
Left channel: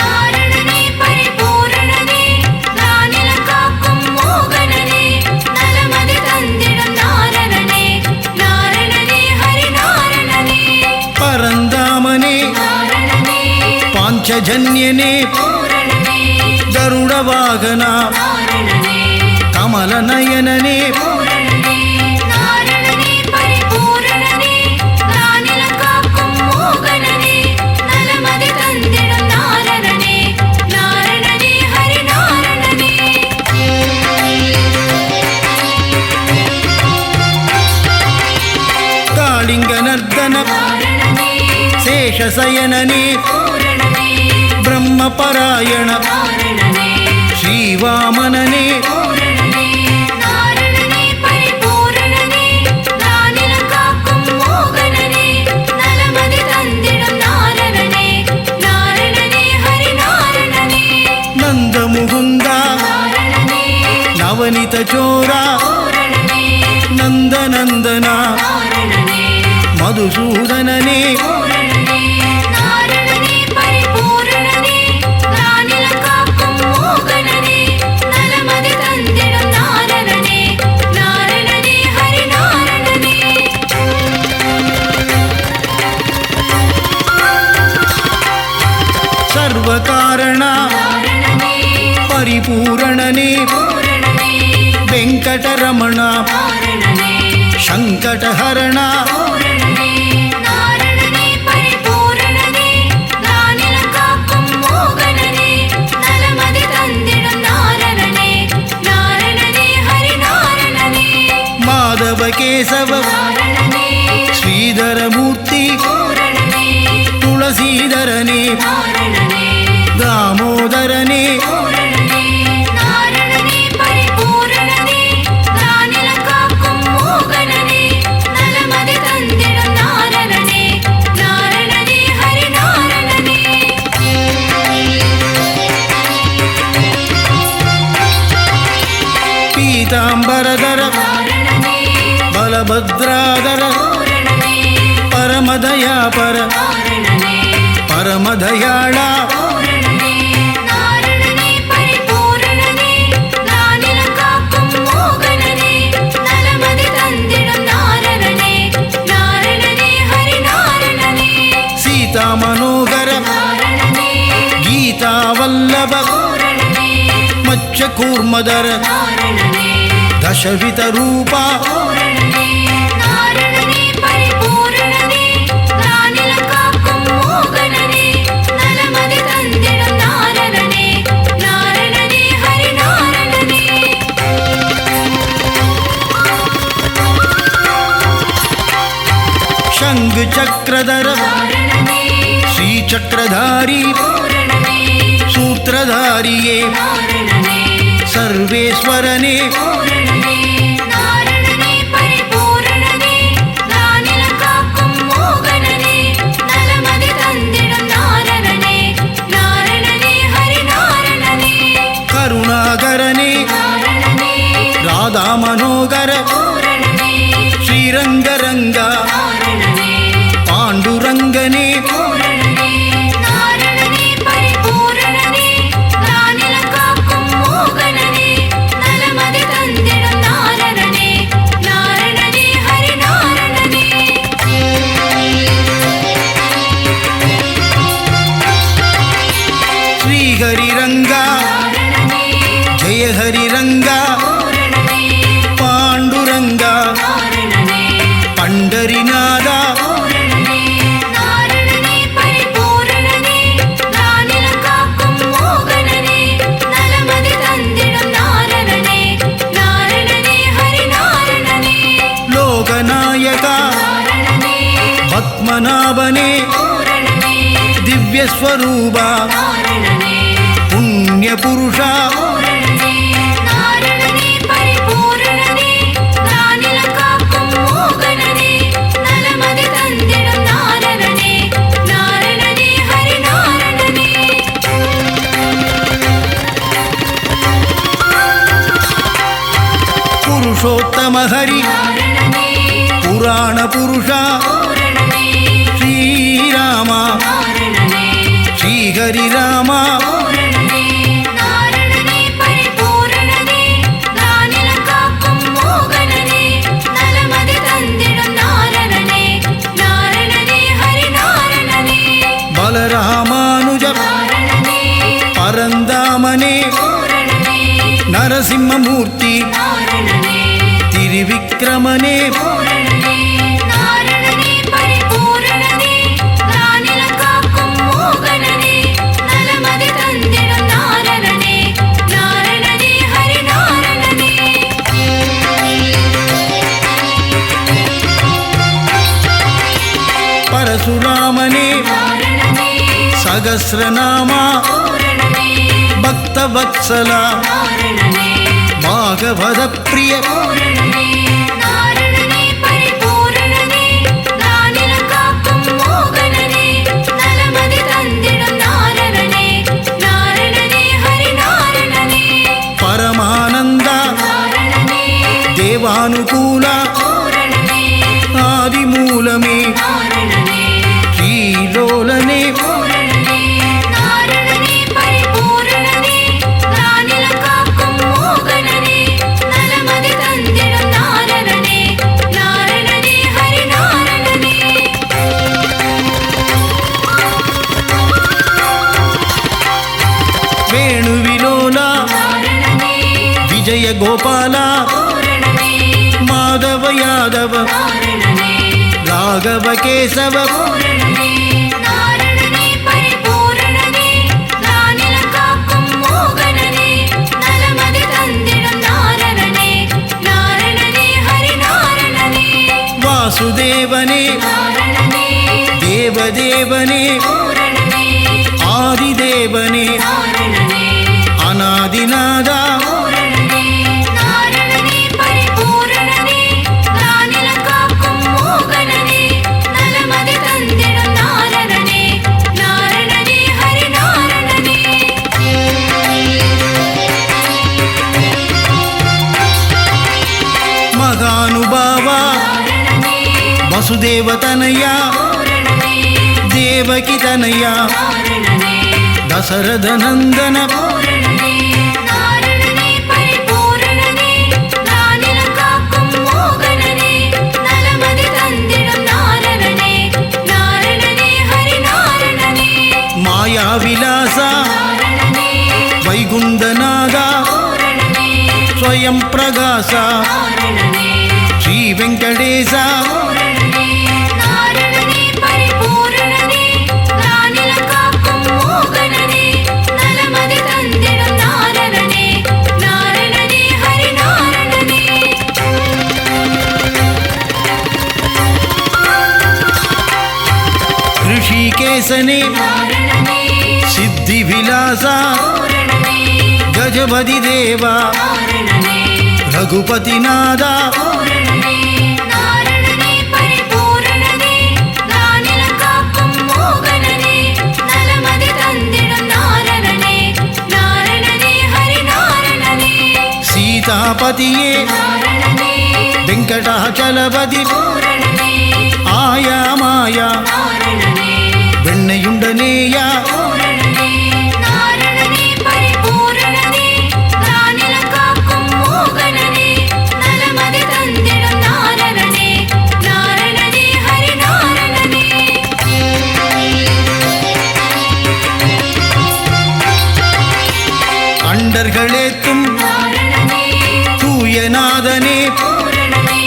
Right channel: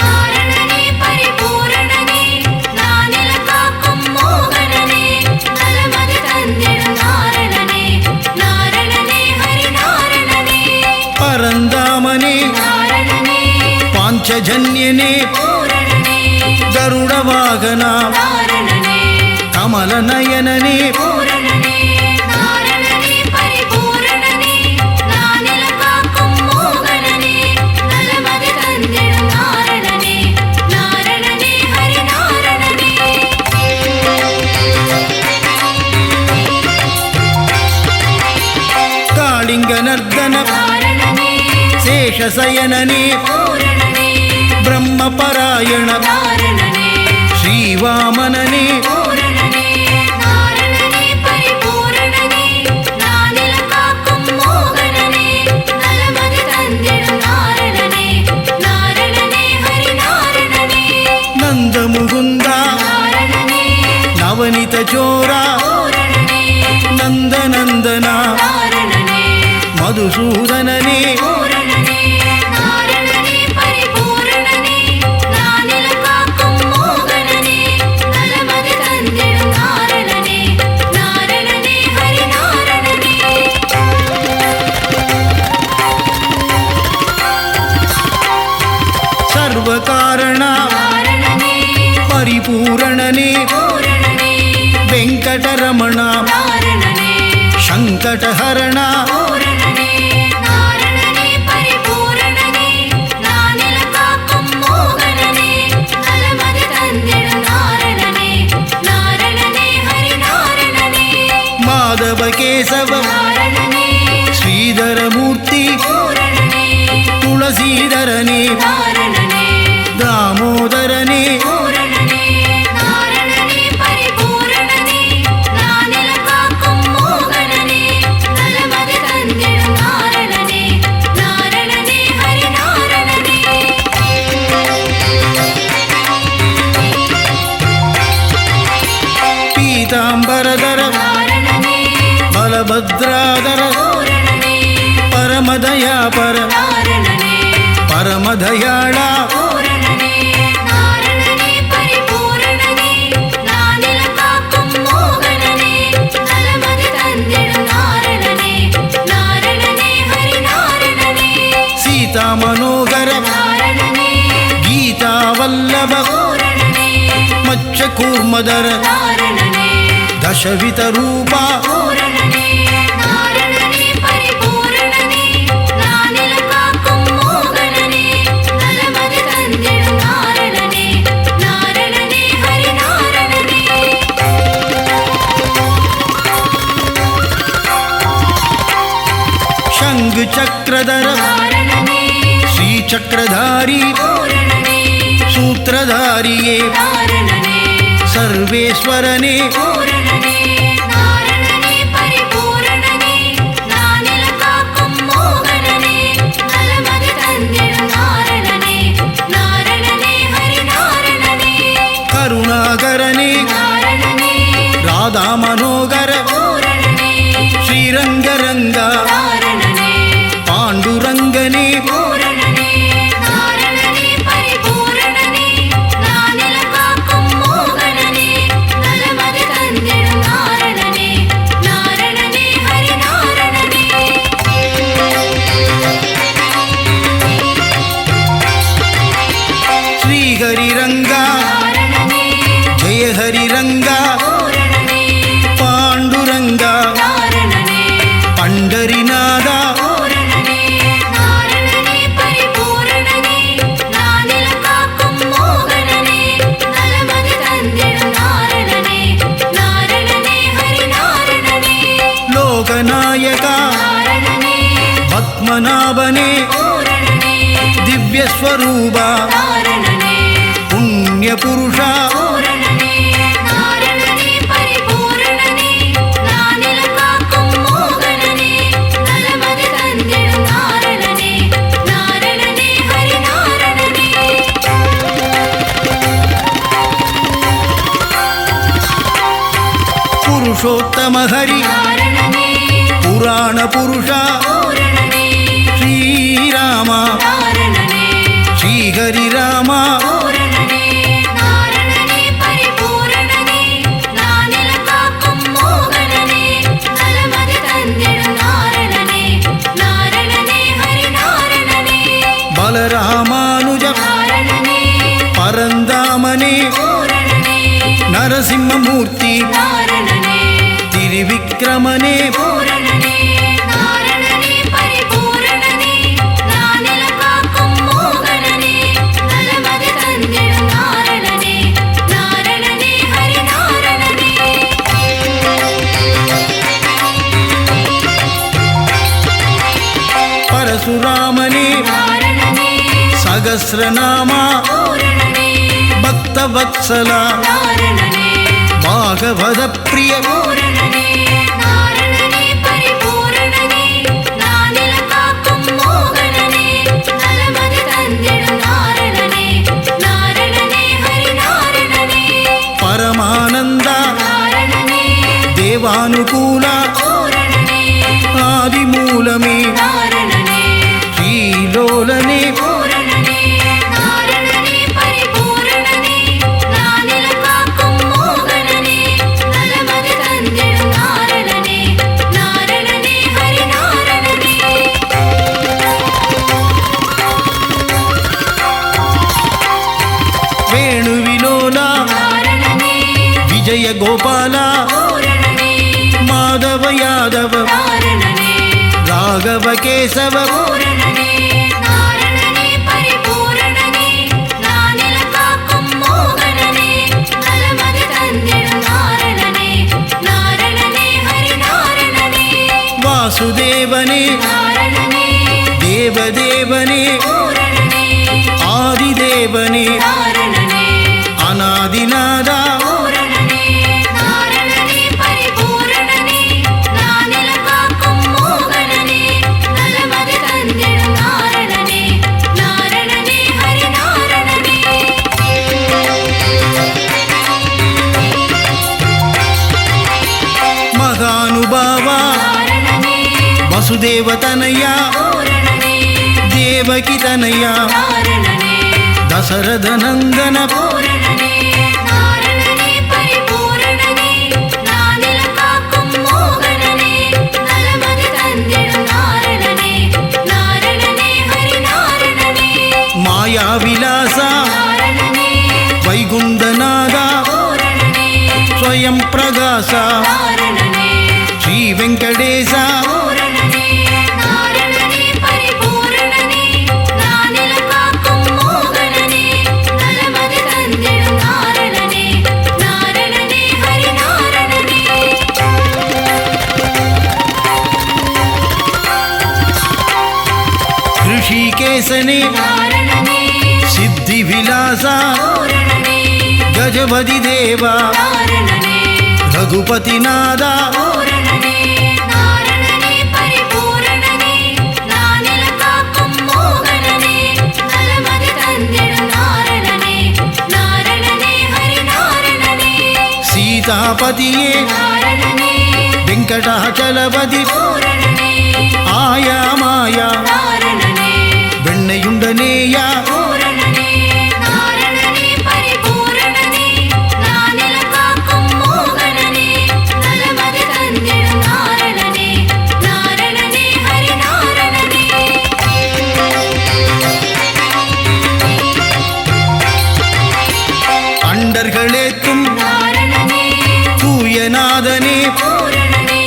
நாரணனே பரிபூரணனே நானில காக்கும் மோகனனே நலமதி தந்திடும் நாரணனே நாரணனே ஹரிநாரணனே ಪರಂಧಾಮನೇ நாரணனே ಪಾಂಚಜನ್ಯನೇ பூரணனே ಗರುಡವಾಹನ நாரணனே ಕಮಲನಯನನೇ பூரணனே நாரணனே பரிபூரணனே நானில காக்கும் மோகனனே நலமதி தந்திடும் நாரணனே நாரணனே ஹரிநாரணனே ಕಾಳಿಂಗನರ್ದನ நாரணனே ಶೇಷಸಯನನೇ பூரணனே ಬ್ರಹ್ಮಪರಾಯಣ நாரணனே ಶ್ರೀವಾಮನನೇ பூரணனே நாரணனே பரிபூரணனே நானில காக்கும் மோகனனே நலமதி தந்திடும் நாரணனே நாரணனே ஹரிநாரணனே ನಂದ ಮುகுಂದ நாரணனே ನವನಿತ ಚೋರ பூரணனே ನಂದನಂದನ நாரணனே ಮಧುಸೂದನನೇ பூரணனே நாரணனே பரிபூரணனே நானில காக்கும் மோகனனே நலமதி தந்திடும் நாரணனே நாரணனே ஹரிநாரணனே ಸರ್ವಕಾರಣ நாரணனே ಪರಿಪೂರಣನೇ பூரணனே ವೆಂಕಟರಮಣ நாரணனே ಶಂಕಟಹರಣ பூரணனே நாரணனே பரிபூரணனே நானில காக்கும் மோகனனே நலமதி தந்திடும் நாரணனே நாரணனே ஹரிநாரணனே ಮಾಧವ ಕೇಶವ நாரணனே ಶ್ರೀಧರ ಮೂರ್ತಿ பூரணனே ತುಳಸೀಧರನೇ நாரணனே ದಾಮೋದರನೇ பூரணனே நாரணனே பரிபூரணனே நானில காக்கும் மோகனனே நலமதி தந்திடும் நாரணனே நாரணனே ஹரிநாரணனே ಪೀತಾಂಬರಧರ நாரணனே ಬಲಭದ್ರಾಧರ பூரணனே ಪರಮದಯಾಪರ நாரணனே ಪರಮದಯಾಳ பூரணனே நாரணனே பரிபூரணனே நானில காக்கும் மோகனனே நலமதி தந்திடும் நாரணனே நாரணனே ஹரிநாரணனே ಸೀತಾ ಮನೋಗರ நாரணனே ಗೀತಾವಲ್ಲಭ பூரணனே ಮಚ್ಚ ಕೂರ್ಮದರ நாரணனே ದಶವಿತ ರೂಪ பூரணனே நாரணனே பரிபூரணனே நானில காக்கும் மோகனனே நலமதி தந்திடும் நாரணனே நாரணனே ஹரிநாரணனே ಶಂಖ சங்கு சக்கரதர நாரணனே ஸ்ரீ சக்கரதாரி பூரணனே சூத்திரதாரியே நாரணனே சர்வேஸ்வரனே பூரணனே நாரணனே பரிபூரணனே நானிலம் காக்கும் மோகனனே நலமதி தந்திடும் நாரணனே நாரணனே ஹரி நாரணனே கருணாகரனே நாரணனே ராதா மனோகர பூரணனே ஸ்ரீரங்கரங்கா நாரணனே பாண்டுரங்கனே பூரணனே நாரணனே பரிபூரணனே நானிலம் காக்கும் மோகனனே நலமதி தந்திடும் நாரணனே நாரணனே ஹரி நாரணனே ஸ்ரீஹரிரங்கா நாரணனே ஜெய ஹரிரங்கா பூரணனே பாண்டுரங்கா நாரணனே பண்டரிநாதா பூரணனே நாரணனே பரிபூரணனே நானிலம் காக்கும் மோகனனே நலமதி தந்திடும் நாரணனே நாரணனே ஹரி நாரணனே லோகநாயகா நாரணனே பத்மநாபனே பூரணனே திவ்யஸ்வரூபா நாரணனே புண்ணியபுருஷா பூரணனே நாரணனே பரிபூரணனே நானிலம் காக்கும் மோகனனே நலமதி தந்திடும் நாரணனே நாரணனே ஹரி நாரணனே புருஷோத்தம ஹரி நாரணனே புராண புருஷா பூரணனே ஸ்ரீராமா நாரணனே ஸ்ரீஹரிராமா பூரணனே நாரணனே பரிபூரணனே நானிலம் காக்கும் மோகனனே நலமதி தந்திடும் நாரணனே நாரணனே ஹரி நாரணனே பலராமானுஜ நாரணனே பரந்தாமனே பூரணனே நரசிம்மமூர்த்தி நாரணனே திரிவிக்ரமனே பூரணனே நாரணனே பரிபூரணனே நானிலம் காக்கும் மோகனனே நலமதி தந்திடும் நாரணனே நாரணனே ஹரி நாரணனே பரசுராமனே நாரணனே சகஸ்ரநாமா பூரணனே பக்தவத்சலா நாரணனே பாகவத பிரிய பூரணனே நாரணனே பரிபூரணனே நானிலம் காக்கும் மோகனனே நலமதி தந்திடும் நாரணனே நாரணனே ஹரி நாரணனே பரமானந்தா நாரணனே தேவானுகூலா பூரணனே ஆதிமூலமே நாரணனே ஸ்ரீலோலனே பூரணனே நாரணனே பரிபூரணனே நானிலம் காக்கும் மோகனனே நலமதி தந்திடும் நாரணனே நாரணனே ஹரி நாரணனே வேணுவிலோலா நாரணனே விஜய கோபாலா பூரணனே மாதவ யாதவ நாரணனே ராகவ கேசவ பூரணனே நாரணனே பரிபூரணனே நானிலம் காக்கும் மோகனனே நலமதி தந்திடும் நாரணனே நாரணனே ஹரி நாரணனே வாசுதேவனே நாரணனே தேவதேவனே பூரணனே ஆதிதேவனே நாரணனே அநாதிநாதா பூரணனே நாரணனே பரிபூரணனே நானிலம் காக்கும் மோகனனே நலமதி தந்திடும் நாரணனே நாரணனே ஹரி நாரணனே மகானுபாவா நாரணனே வசுதேவதனயா பூரணனே தேவகி தனயா நாரணனே தசரதநந்தன பூரணனே நாரணனே பரிபூரணனே நானிலம் காக்கும் மோகனனே நலமதி தந்திடும் நாரணனே நாரணனே ஹரி நாரணனே மாயாவிலாசா நாரணனே வைகுந்தநாதா பூரணனே ஸ்வயம் பிரகாசா நாரணனே ஸ்ரீ வெங்கடேசா பூரணனே நாரணனே பரிபூரணனே நானிலம் காக்கும் மோகனனே நலமதி தந்திடும் நாரணனே நாரணனே ஹரி நாரணனே வெங்கடேசனே நாரணனே சித்தி விலாசா பூரணனே கஜபதி தேவா நாரணனே ரகுபதிநாதா பூரணனே நாரணனே பரிபூரணனே நானில காக்கும் மோகனனே நலமதி தந்திடும் நாரணனே நாரணனே ஹரி நாரணனே சீதாபதியே நாரணனே வெங்கடாச்சலபதி பூரணனே ஆயா மாயா நாரணனே வெண்ணையுண்டனேயா பூரணனே நாரணனே பரிபூரணனே நானில காக்கும் மோகனனே நலமதி தந்திடும் நாரணனே நாரணனே ஹரி நாரணனே அண்டர்களேத்தும் நாரணனே தூயநாதனே பூரணனே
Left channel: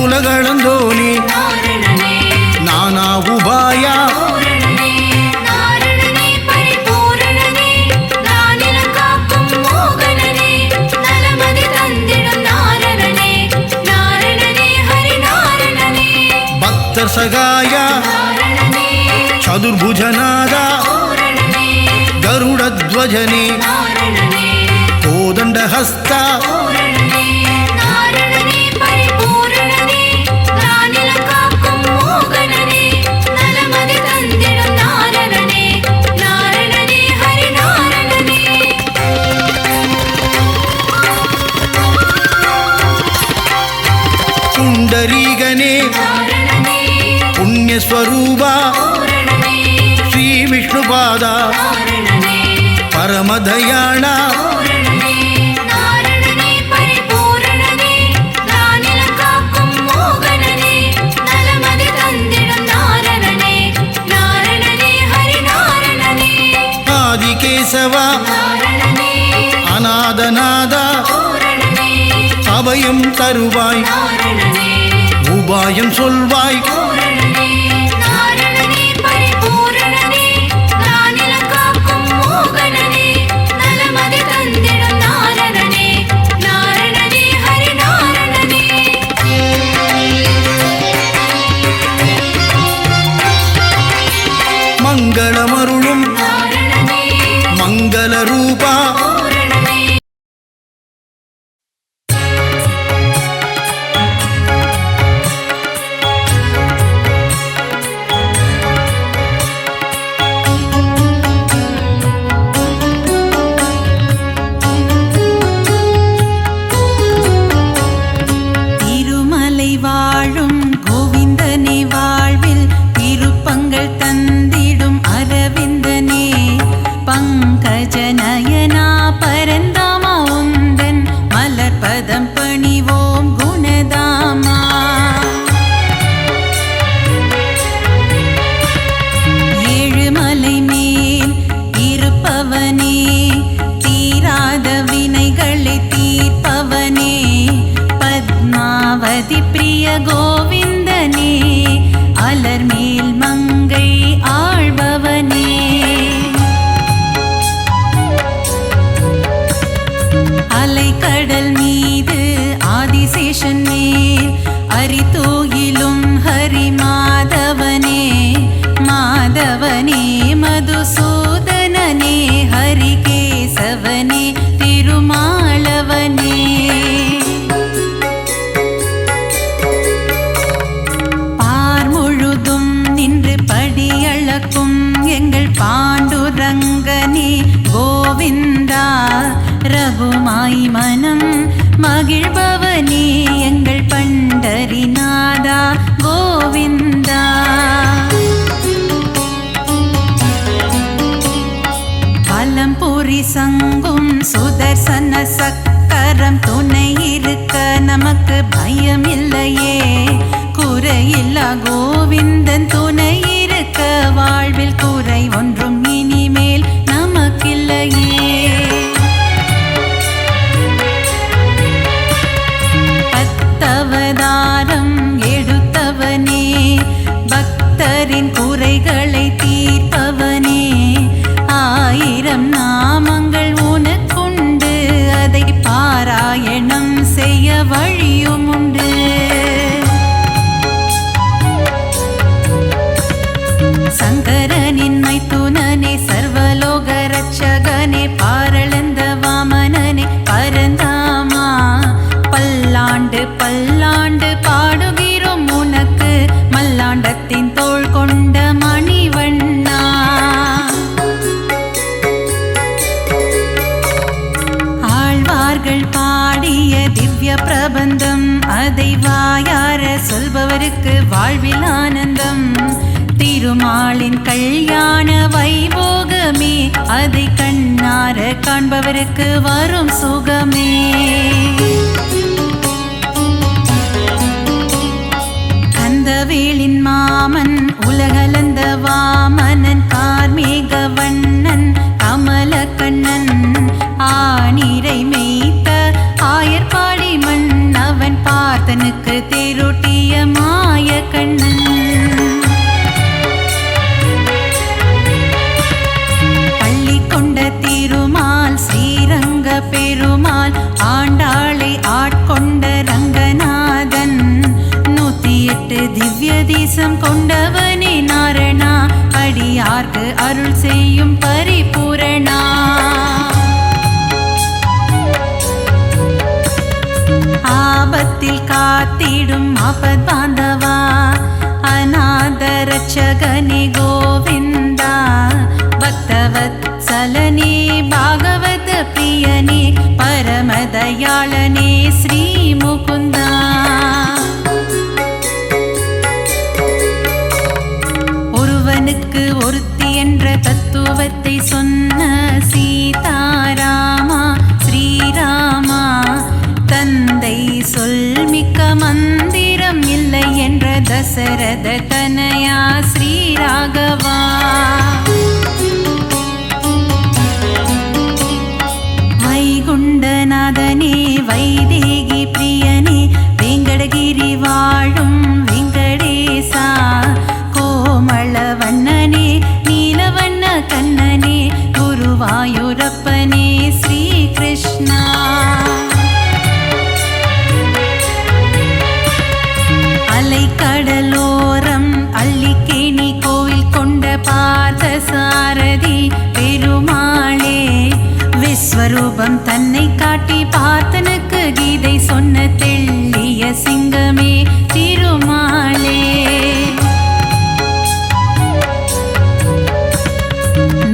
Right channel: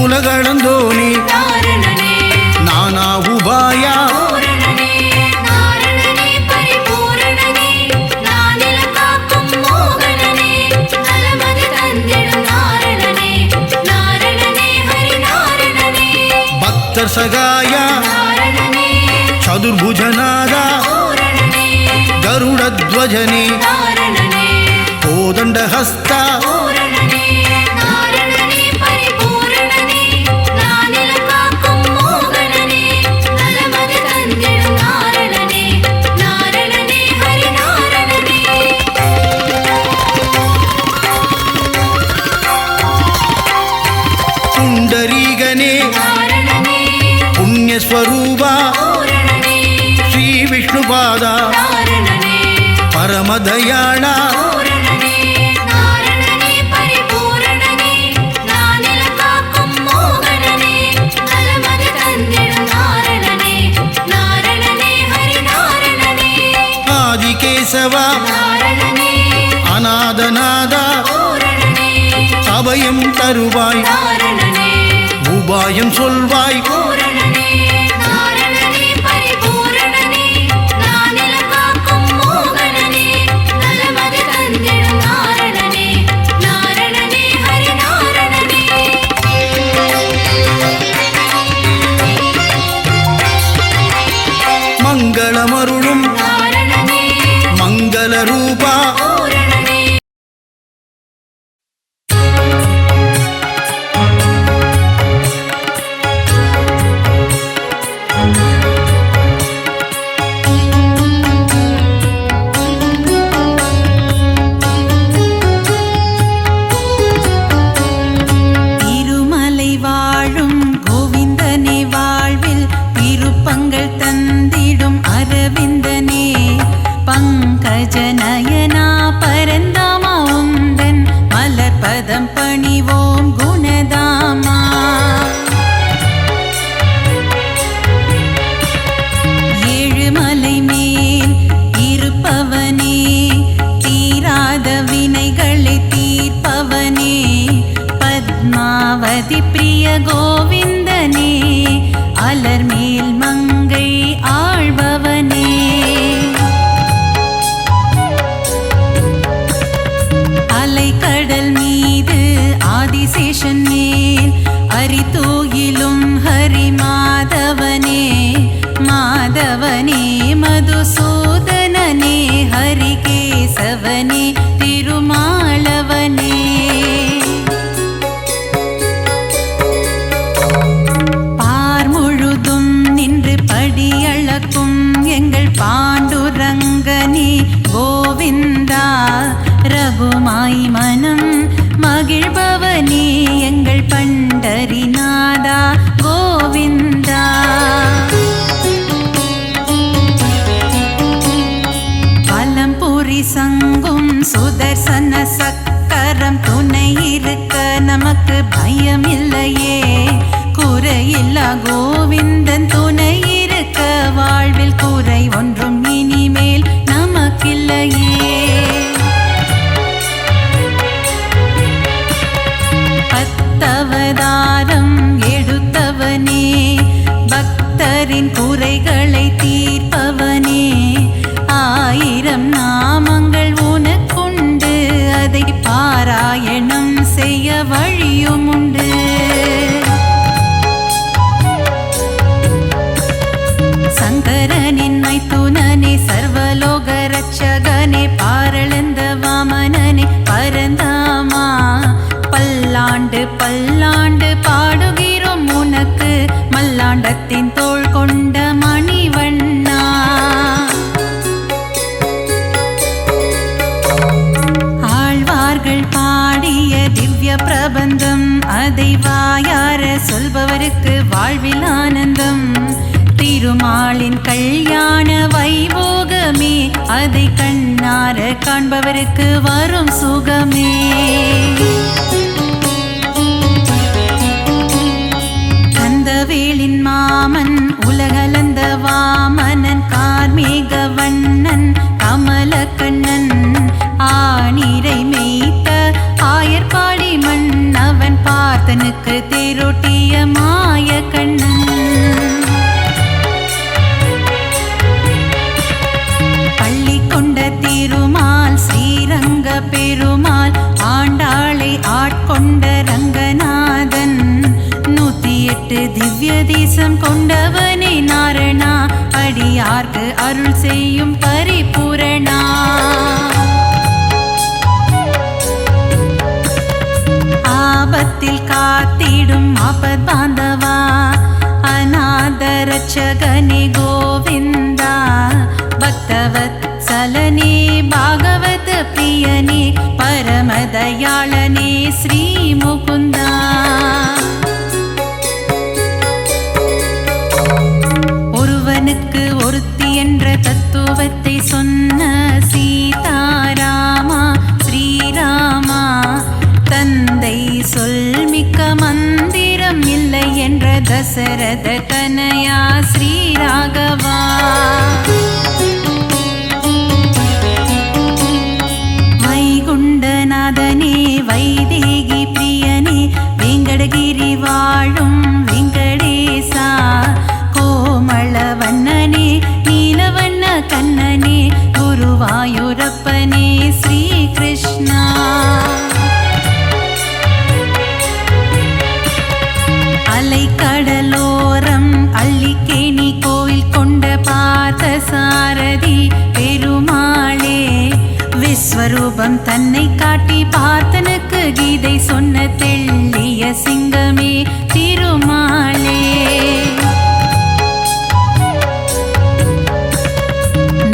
உலகளந்தோனே நாரணனே நானா உபாயா பூரணனே நாரணனே பரிபூரணனே நானில காக்கும் மோகனனே நலமதி தந்திடும் நாரணனே நாரணனே ஹரி நாரணனே பக்தர் சகாயா நாரணனே சதுர்புஜநாதா பூரணனே கருடத்வஜனே நாரணனே கோதண்டஹஸ்தா பூரணனே நாரணனே பரிபூரணனே நானில காக்கும் மோகனனே நலமதி தந்திடும் நாரணனே நாரணனே ஹரி நாரணனே புண்டரீகனே நாரணனே புண்ணியஸ்வரூபா பூரணனே ஸ்ரீ விஷ்ணுபாதா நாரணனே பரமதயாளா பூரணனே நாரணனே பரிபூரணனே நானில காக்கும் மோகனனே நலமதி தந்திடும் நாரணனே நாரணனே ஹரி நாரணனே ஆதிகேசவா நாரணனே அநாதநாதா பூரணனே அபயம் தருவாய் நாரணனே உபாயம் சொல்வாய் பூரணனே நாரணனே பரிபூரணனே நானில காக்கும் மோகனனே நலமதி தந்திடும் நாரணனே நாரணனே ஹரி நாரணனே மங்களமருளும் நாரணனே மங்கள ரூபா பூரணனே திருமலை வாழும் கோவிந்தனே வாழ்வில் திருப்பங்கள் தந்திடும் அரவிந்தனே பங்கஜநயனா பரந்தாமா உந்தன் மலர்பதம் பணிவோம் குணதாமா ஏழுமலை மேல் இருப்பவனே தீராத வினைகளை தீர்ப்பவனே பத்மாவதி பிரிய கோவிந்தனே அலர்மேல் மங்கை ஆழ்பவனே அலைக்கடல் மீது ஆதிசேஷன் மேல் அரிதூயிலும் ஹரி மாதவனே மாதவனே மதுசூதனனே ஹரிகேசவனே திருமாலவனே பார் முழுதும் நின்று படியளக்கும் எங்கள் பாண்டுரங்கனே கோவிந்தா ரகுமாய் மனம் மகிழ்பவனே எங்கள் பண்டரிநாதா கோவிந்தா பலம்புரி சங்கும் சுதர்சன சக்கரம் துணை இருக்க நமக்கு பயம் இல்லையே குறையில்லா கோவிந்தன் துணை இருக்க வாழ்வில் குறை ஒன்றும் இனிமேல் நமக்கில்லையே பத்தவதாரம் எடுத்தவனே பக்தரின் குறைகளை தீர்ப்பவனே ஆயிரம் நாமங்கள் உனக்குண்டு அதை பாராயணம் செய்ய வழியும் உண்டு சங்கரனின் மைத்துனனே சர்வலோக ரட்சகனே பாரளந்த வாமனனே பரந்தாமா பல்லாண்டு பல்லாண்டு பாடுகிறோம் உனக்கு மல்லாண்டத்தின் தோள் கொண்ட மணிவண்ணா. ஆழ்வார்கள் பாடிய திவ்ய பிரபந்தம் அதை வாயார சொல்பவருக்கு வாழ்வில் ஆனந்தம். திருமாலின் கல்யாண வைபோகமே அதை கண்ணார காண்பவருக்கு வரும் சுகமே. கந்தவேலின் மாமன் உலகளந்த வாமனன் கார்மேக வண்ணன் கமலக்கண்ணன் ஆனிரை மேய்த்த ஆயர்பாடி மன்னவன் பார்த்தனுக்கு தேரோட்டிய மாய கண்ணன். பள்ளி கொண்ட திருமால் ஸ்ரீரங்க பெருமாள் ஆண்டாளை ஆட்கொண்ட ரங்கநாதன் 108 திவ்ய தேசம் கொண்டவனே நாரணா அடியார்க்கு அருள் செய்யும் பரிபூரணா. ஆபத்தில் காத்திடும் ஆபத் பாந்தவா அநாத ரட்சகனே கோவிந்தா பக்தவத்சலனே பாகவத பிரியனே பரமதயாளனே ஸ்ரீ முகுந்தா. ஒருவனுக்கு ஒருத்தி என்ற தத்துவத்தை சொன்ன சீதாராமா ஸ்ரீராமா தந்தை சொல்மிக்க மந்திரம் இல்லை என்ற தசரத தனயா ஸ்ரீராகவா. வைகுண்டநாதனே வைதேகி பிரியனே வெங்கடகிரி வாழும் வெங்கடேசா கோமளவண்ணனே நீலவண்ண கண்ணனே குருவாயூரப்பனே ஸ்ரீ கிருஷ்ணா. அலைக்கடலோரம் அள்ளிக்கேணி கோவில் கொண்ட பார்த்த சாரதி பெருமாளே விஸ்வரூபம் தன்னை காட்டி பார்த்தனுக்கு கீதை சொன்ன தெள்ளிய சிங்கமே திருமாலே.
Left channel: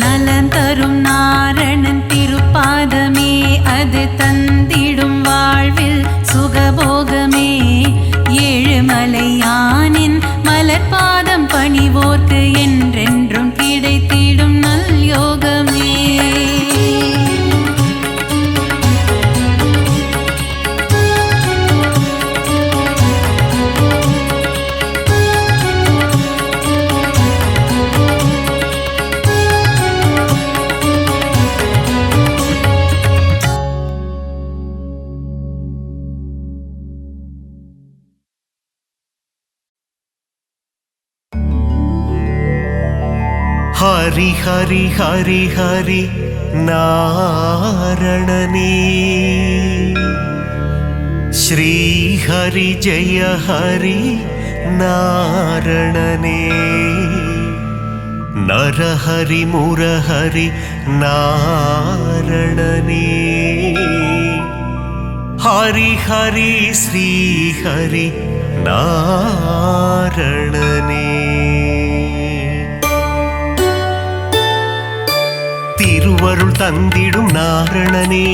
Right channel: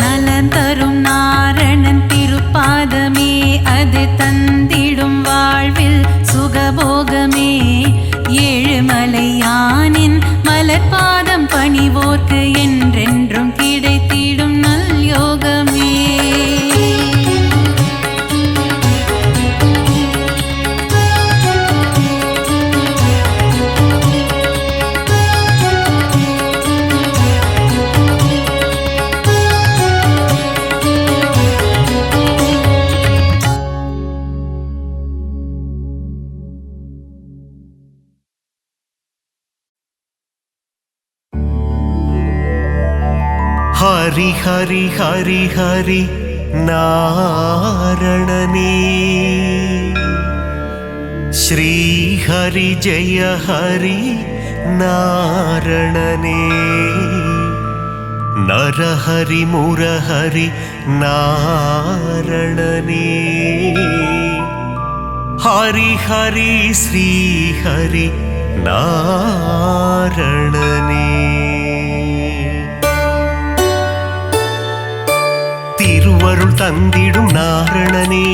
நலம் தரும் நாரணன் திருப்பாதமே அது தந்திடும் வாழ்வில் சுகபோகமே. ஏழுமலையானின் மலர்பாதம் பணிவோர்க்கு என்றென்றும் கிடைத்திடும் நல் யோகமே. ஹரி ஹரி ஹரி ஹரி நாரணனே ஸ்ரீ ஹரி ஜெய ஹரி நாரணனே நரஹரி முரஹரி நாரணனே ஹரி ஹரி ஸ்ரீ ஹரி நாரணனே. திருவருள் தந்திடும் நாரணனே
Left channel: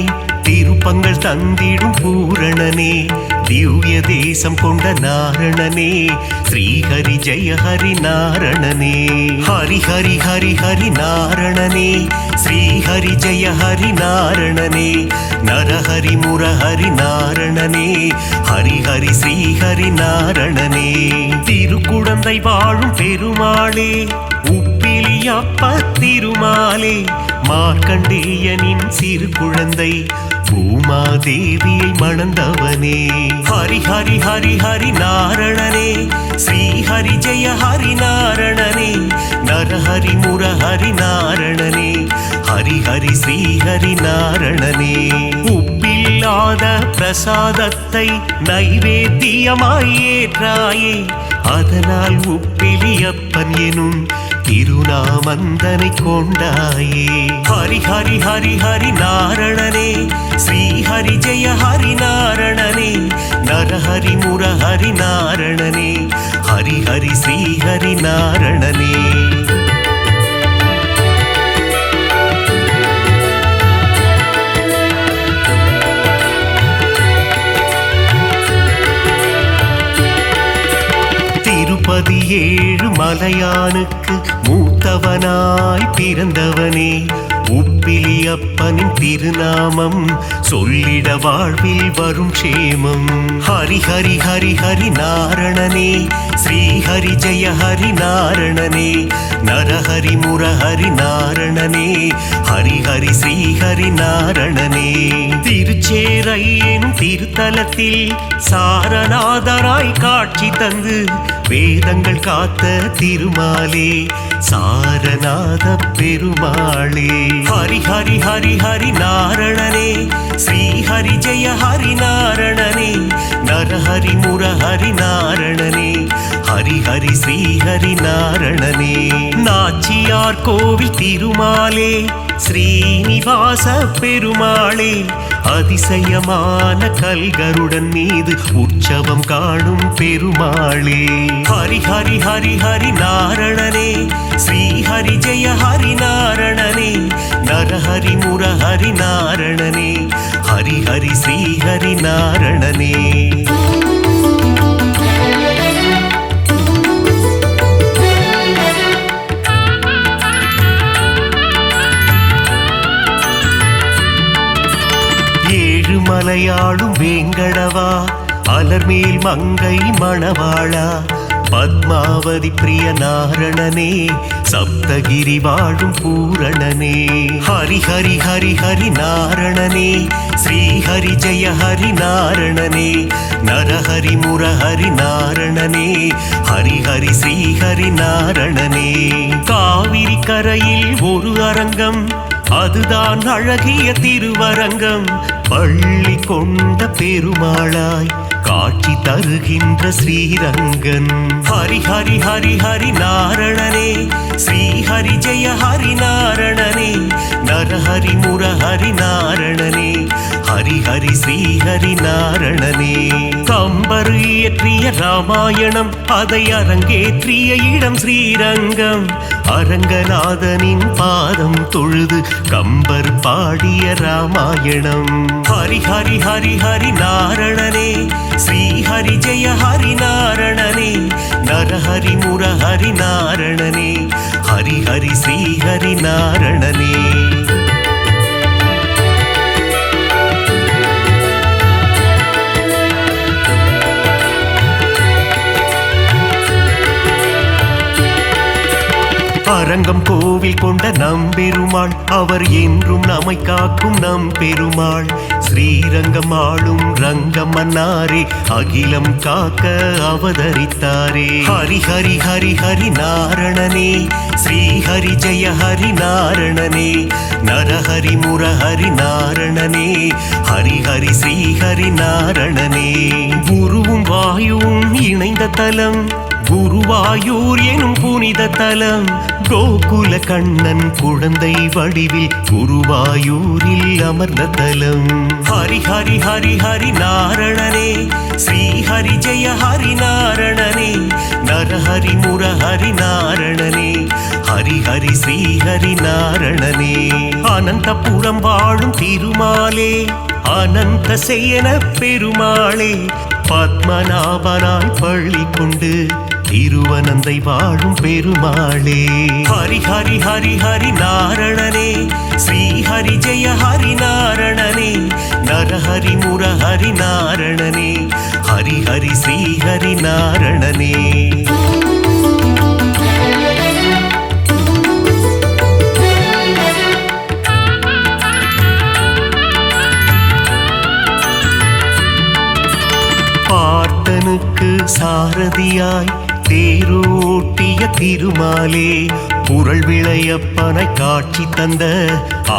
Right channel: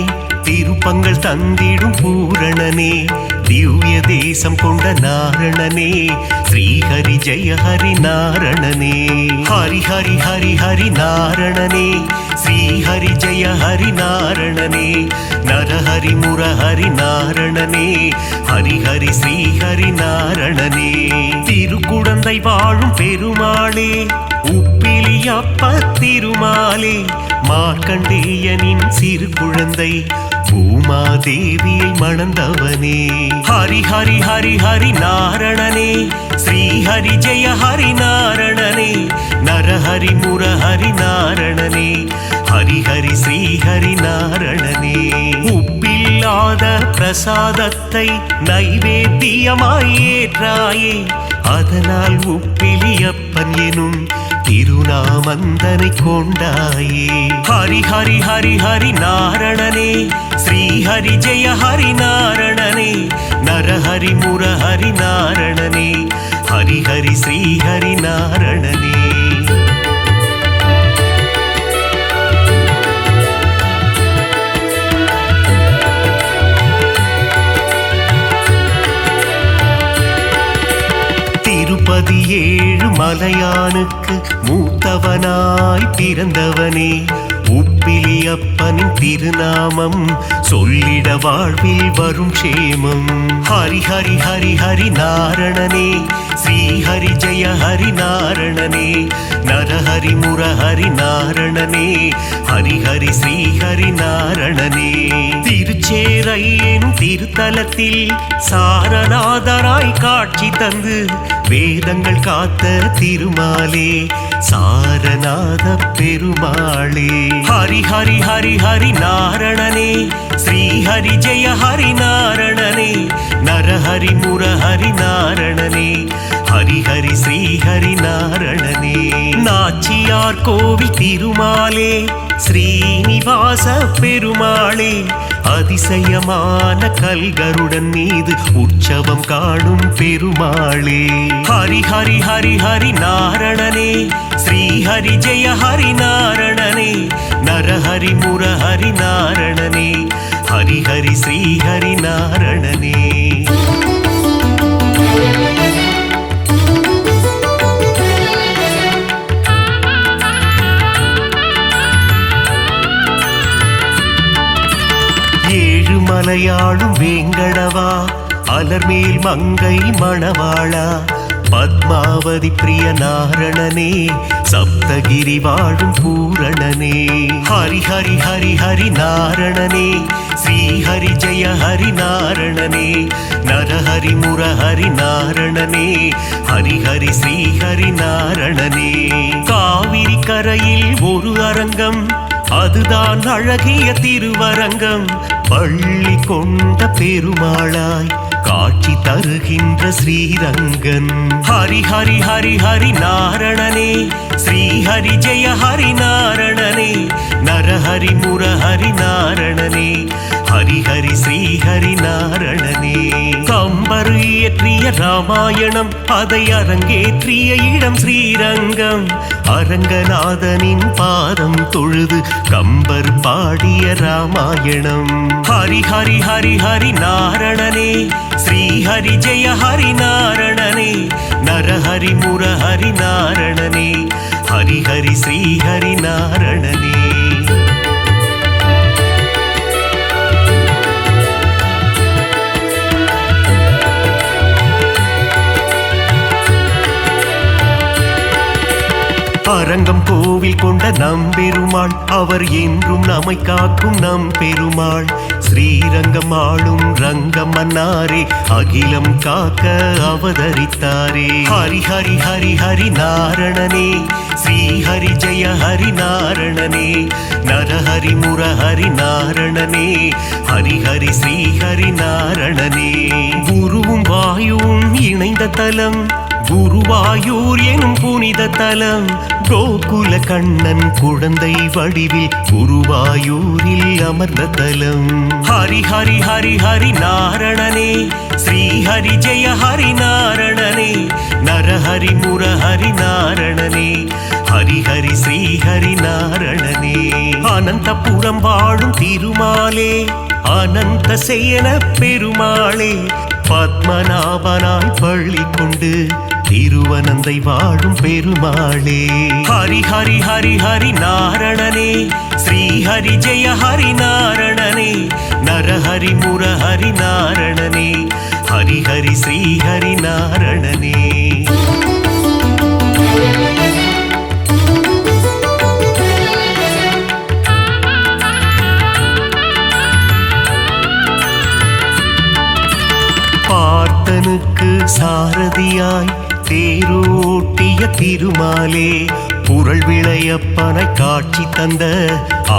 திருப்பங்கள் தந்திடும் பூரணனே திவ்ய தேசம் கொண்ட நாரணனே ஸ்ரீஹரி ஜெய ஹரி நாரணனே. ஹரி ஹரி ஹரி ஹரி நாரணனே ஸ்ரீஹரி ஜெய ஹரி நாரணனே நரஹரி முரஹரி நாரணனே ஹரி ஹரி ஸ்ரீஹரி நாரணனே. திருக்குடந்தை வாழும் பெருமாளே உப்பிலியப்ப திருமாலே மார்க்கண்டேயனின் சிறு குழந்தை பூமாதேவியை மணந்தவனே. ஹரி ஹரி ஹரி ஹரி நாரணனே ஸ்ரீஹரி ஜெய ஹரி நாரணனே நரஹரி முரஹரி நாரணனே ஹரி ஹரி ஸ்ரீஹரி நாரணனே. உப்பில்லாத பிரசாதத்தை நைவேத்தியமாய் ஏற்றாயே அதனால் உப்பிலியப்பன் எனும் திருநாமந்தனை கொண்டாயே. ஹரி ஹரி ஹரி ஹரி நாரணனே, ஸ்ரீ ஹரி ஜெய ஹரி நாரணனே, நரஹரி முரஹரி நாரணனே, ஹரி ஹரி ஸ்ரீ ஹரி நாரணனே. திருப்பதி ஏழு மலையானுக்கு மூத்தவனாய் பிறந்தவனே, உப்பிலி அப்பனின் திருநாமம் சொல்லிட வாழ்வில் வரும் க்ஷேமம். ஹரி ஹரி ஹரி ஹரி நாரணனே, ஸ்ரீ ஹரி ஜெய ஹரி நாரணனே, நரஹரி முரஹரி நாரணனே, ஹரி ஹரி ஸ்ரீ ஹரி நாரணனே. திருச்சேரை எனும் திருத்தலத்தில் சாரநாதராய் காட்சி தந்து வேதங்கள் காத்த திருமாலே, சாரநாத பெருமாளே. ஹரி ஹரி ஹரி ஹரி நாரணனே, ஸ்ரீ ஹரி ஜெய ஹரி நாரணனே, நரஹரி முரஹரி நாரணனே, ஹரி ஹரி ஸ்ரீ ஹரி நாரணனே. நாச்சியார் கோவில் திருமாலே, ஸ்ரீனிவாச பெருமாளே, அதிசயமான கல்கருடன் மீது உற்சவம் காணும் பெருமாளே. ஹரி ஹரி ஹரி ஹரி நாரணனே, ஸ்ரீ ஹரி ஜெய ஹரி நாரணனே, நரஹரி முரஹரி நாரணனே, ஹரி ஹரி ஸ்ரீ ஹரி நாரணனே. ஏழுமலையாளும் வேங்கடவா, அலர்மேல் மங்கை மணவாளா, பத்மாவதி பிரிய நாரணனே, சப்தகிரி வாழும் பூரணனே. ஹரி ஹரி ஹரி ஹரி நாரணனே, ஸ்ரீ ஹரி ஜெய ஹரி நாரணனே, நரஹரி முரஹரி நாரணனே, ஹரி ஹரி ஸ்ரீ ஹரி நாரணனே. காவிரி கரையில் ஒரு அரங்கம், அதுதான் அழகிய திருவரங்கம், பள்ளி கொண்ட பெருமாளாய் காட்சி தருகின்ற ஸ்ரீரங்கன். ஹரி ஹரி ஹரி ஹரி நாரணனே, ஸ்ரீ ஹரி ஜெய ஹரி நாரணனே, நரஹரி முரஹரி நாரணனே, ஹரி ஹரி ஸ்ரீ ஹரி நாரணனே. கம்பர் இயற்றிய ராமாயணம், அதை அரங்கேற்றிய இடம் ஸ்ரீரங்கம், அரங்கநாதனின் பாதம் தொழுது கம்பர் பாடிய ராமாயணம். ஹரி ஹரி ஹரி ஹரி நாரணனே, ஸ்ரீ ஹரி ஜெய ஹரி நாரணனே, நரஹரி முரஹரி நாரணனே, ஹரி ஹரி ஸ்ரீ ஹரி நாரணனே. அரங்கம் கோவில் கொண்ட நம்பெருமாள், அவர் என்றும் நம்மை காக்கும் நம் பெருமாள். ஸ்ரீரங்கம் ஆளும் ரங்கம் மன்னாரே, அகிலம் காக்க அவதரித்தாரே. ஹரி ஹரி ஹரி ஹரி நாரணனே, ஸ்ரீ ஹரி ஜெய ஹரி நாரணனே, நரஹரி முரஹரி நாரணனே, ஹரி ஹரி ஸ்ரீ ஹரி நாரணனே. குருவும் வாயுவும் இணைந்த தலம், குருவாயூர் எனும் புனித தலம், கோகுல கண்ணன் குழந்தை வடிவில் குருவாயூரில் அமர்ந்த தலம். ஹரி ஹரி ஹரி ஹரி நாரணனே, ஸ்ரீ ஹரி ஜெய ஹரி நாரணனே, நரஹரி முரஹரி நாரணனே, ஹரி ஹரி ஸ்ரீ ஹரி நாரணனே. அனந்தபுரம் வாழும் திருமாலே, அனந்த சேன பெருமாளே, பத்மநாபனாய் பள்ளி கொண்டு திருவனந்தை வாழும் பெருமாளே. ஹரி ஹரி ஹரி ஹரி நாரணனே, ஸ்ரீ ஹரி ஜெய ஹரி நாரணனே, நரஹரி முரஹரி நாரணனே, ஹரி ஹரி ஸ்ரீ ஹரி நாரணனே. பார்த்தனுக்கு சாரதியாய் தேரோட்டிய திருமாலே, புரள் விளையப்பனை காட்சி தந்த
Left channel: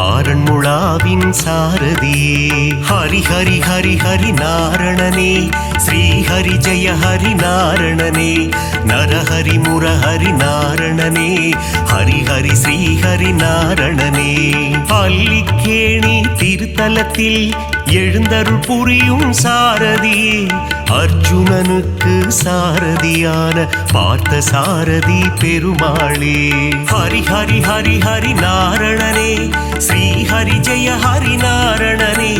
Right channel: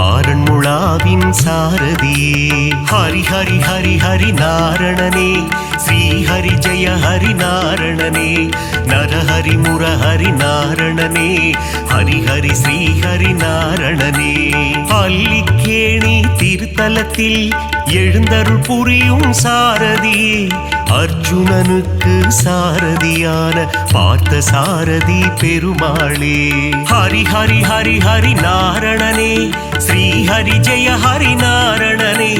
ஆரண்முழாவின் சாரதியே. ஹரி ஹரி ஹரி ஹரி நாரணனே, ஸ்ரீ ஹரி ஜெய ஹரி நாரணனே, நரஹரி முரஹரி நாரணனே, ஹரி ஸ்ரீ ஹரி நாரணனே. அல்லிக்கேணி திருத்தலத்தில் எழுந்தருள் புரியும் சாரதியே, அர்ஜுனனுக்கு சாரதியான பார்த்த சாரதி பெருமாளே. ஹரி ஹரி ஹரி ஹரி நாரணனே, ஸ்ரீ ஹரி ஜெய ஹரி நாரணனே,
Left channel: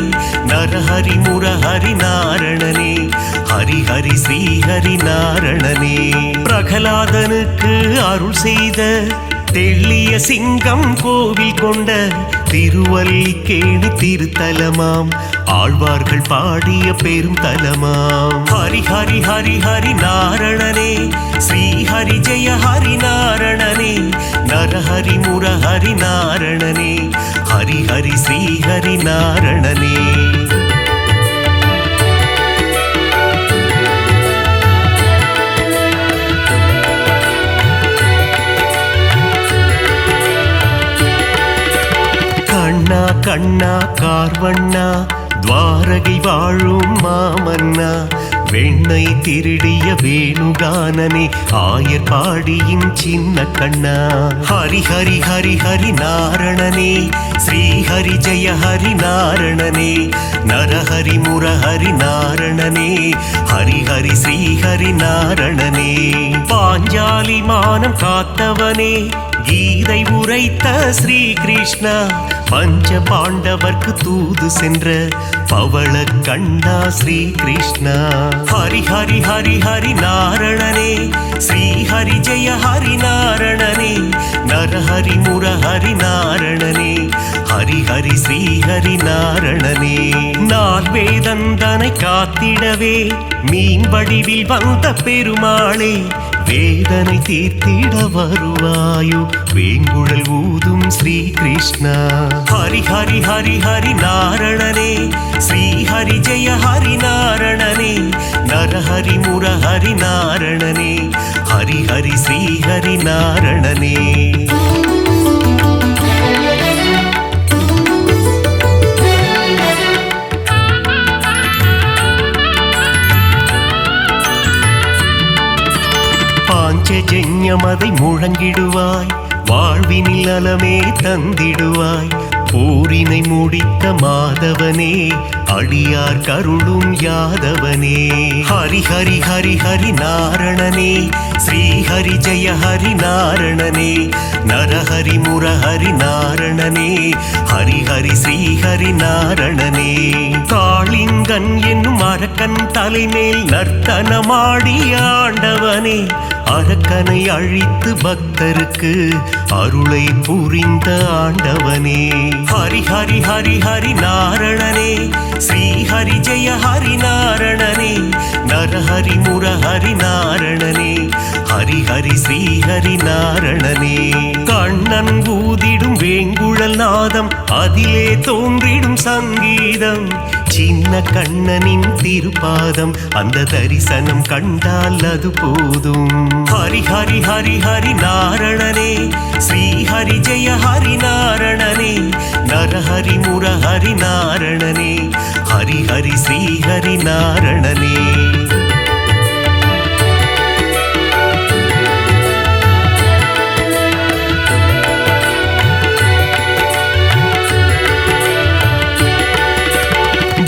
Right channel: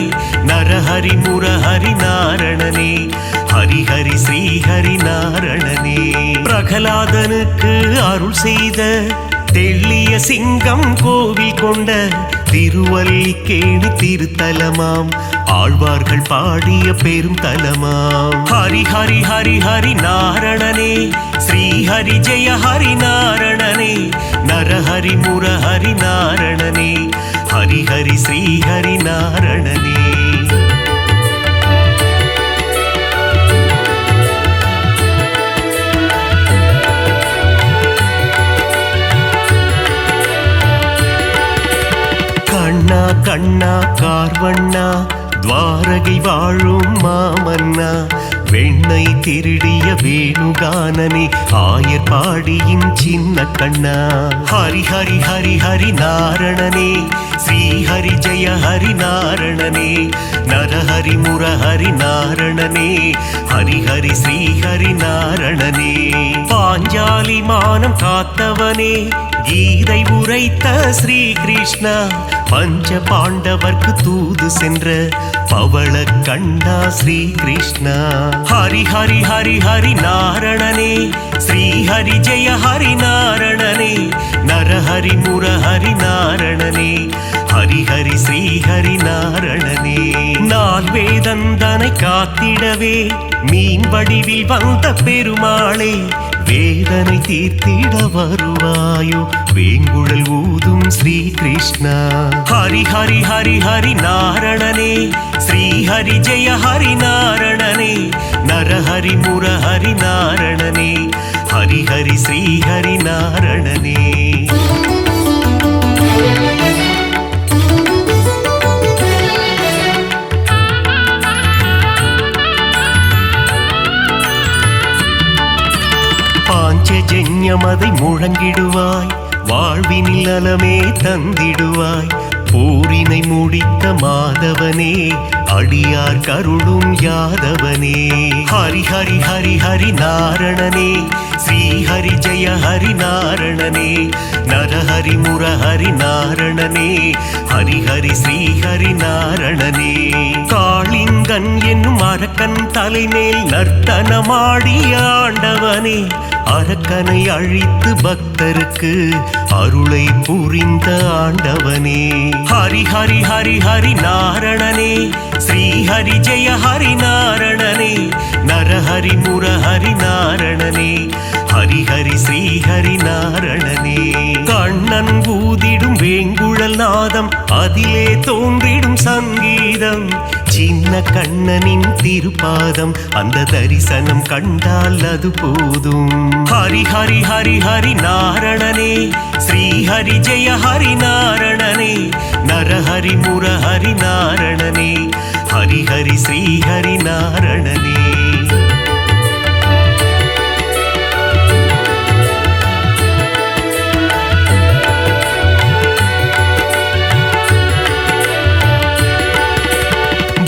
நரஹரி முரஹரி நாரணனே, ஹரி ஹரி ஸ்ரீ ஹரி நாரணனே. பிரகலாதனுக்கு அருள் செய்த தெள்ளிய சிங்கம் கோவில் கொண்ட திருவல்லிக்கேணி திருத்தலமாம், ஆழ்வார்கள் பாடிய பெரும் தலமாம். ஹரி ஹரி ஹரி ஹரி நாரணனே, ஸ்ரீ ஹரி ஜெய ஹரி நாரணனே, நரஹரி முரஹரி நாரணனே, ஹரி ஹரி ஸ்ரீ ஹரி நாரணனே. கண்ணா கண்ணா கார்வண்ணா, துவாரகை வாழும் மாமன்னா, வெண்ணை திருடிய வேணுகானனே, ஆயர் பாடியின் சின்ன கண்ணா. ஹரி ஹரி ஹரி ஹரி நாரணனே, ஸ்ரீ ஹரி ஜெய ஹரி நாரணனே, நரஹரி முரஹரி நாரணனே, ஹரி ஹரி ஸ்ரீ ஹரி நாரணனே. பாஞ்சாலி மானம் காத்தவனே, கீதை உரைத்த ஸ்ரீ கிருஷ்ணா, பஞ்ச பாண்டவர்க்கு தூது சென்ற பவள கண்ணா ஸ்ரீ கிருஷ்ணா. ஹரி ஹரி ஹரி ஹரி நாரணனே, ஸ்ரீ ஹரி ஜெய ஹரி நாரணனே, நரஹரி முரஹரி நாரணனே, ஹரி ஹரி ஸ்ரீ ஹரி நாரணனே. நால் வேதந்தனை காத்திடவே மீன் வடிவில் வந்த பெருமாளே, வேதனை தீர்த்திட வருவாயோ வேங்குழல் ஊதும் ஸ்ரீ கிருஷ்ணா. ஹரி ஹரி ஹரி ஹரி நாரணனே, ஸ்ரீ ஹரி ஜெய ஹரி நாரணனே, நரஹரி முரஹரி நாரணனே, ஹரி ஹரி ஸ்ரீ ஹரி நாரணனே. பாஞ்சஜன்யமதை முழங்கிடுவாய், வாழ்வினில் நலமே தந்திடுவாய், போரினை முடித்த மாதவனே, அடியார் கருளும் யாதவனே. ஹரி ஹரி ஹரி ஹரி நாரணனே, ஸ்ரீ ஹரி ஜெய ஹரி நாரணனே, நரஹரி முரஹரி நாரணனே, ஹரி ஹரி ஸ்ரீ ஹரி நாரணனே. காளிங்கன் என்னும் அரக்கன் தலைமேல் நர்த்தனமாடி ஆண்டவனே, அரக்கனை அழித்து பக்தருக்கு அருளை புரிந்த ஆண்டவனே. ஹரி ஹரி ஹரி ஹரி நாரணனே, ஸ்ரீ ஹரி ஜெய ஹரி நாரணனே, நரஹரி முரஹரி நாரணனே, ஹரி ஹரி ஸ்ரீ ஹரி நாரணனே. கண்ணன் ஊதிடும் வேங்குழல் நாதம், அதிலே தோன்றிடும் சங்கீதம், சின்ன கண்ணனின் திருப்பாதம், அந்த தரிசனம் கண்டால் அது போதும். ஹரி ஹரி ஹரி ஹரி நாரணனே, ஸ்ரீ ஹரி ஜெய ஹரி நாரணனே, நரஹரி முரஹரி நாரணனே, ஹரி ஹரி ஸ்ரீ ஹரி நாரணனே.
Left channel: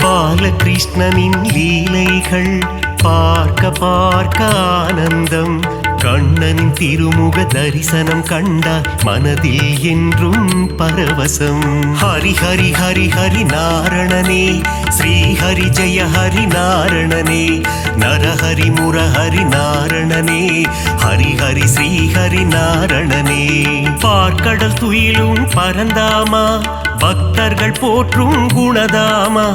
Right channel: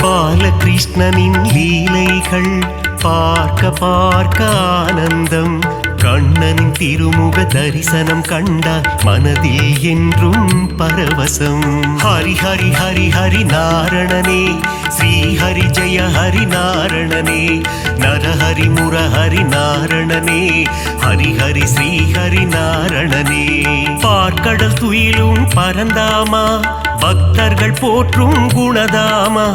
பாலகிருஷ்ணனின் லீலைகள் பார்க்க பார்க்க ஆனந்தம், கண்ணனின் திருமுக தரிசனம் கண்டால் மனதில் என்றும் பரவசம். ஹரி ஹரி ஹரி ஹரி நாரணனே, ஸ்ரீ ஹரி ஜெய ஹரி நாரணனே, நரஹரி முரஹரி நாரணனே, ஹரி ஹரி ஸ்ரீ ஹரி நாரணனே. பார்க்கடல் துயிலும் பரந்தாமா, பக்தர்கள் போற்றும் குணதாமா,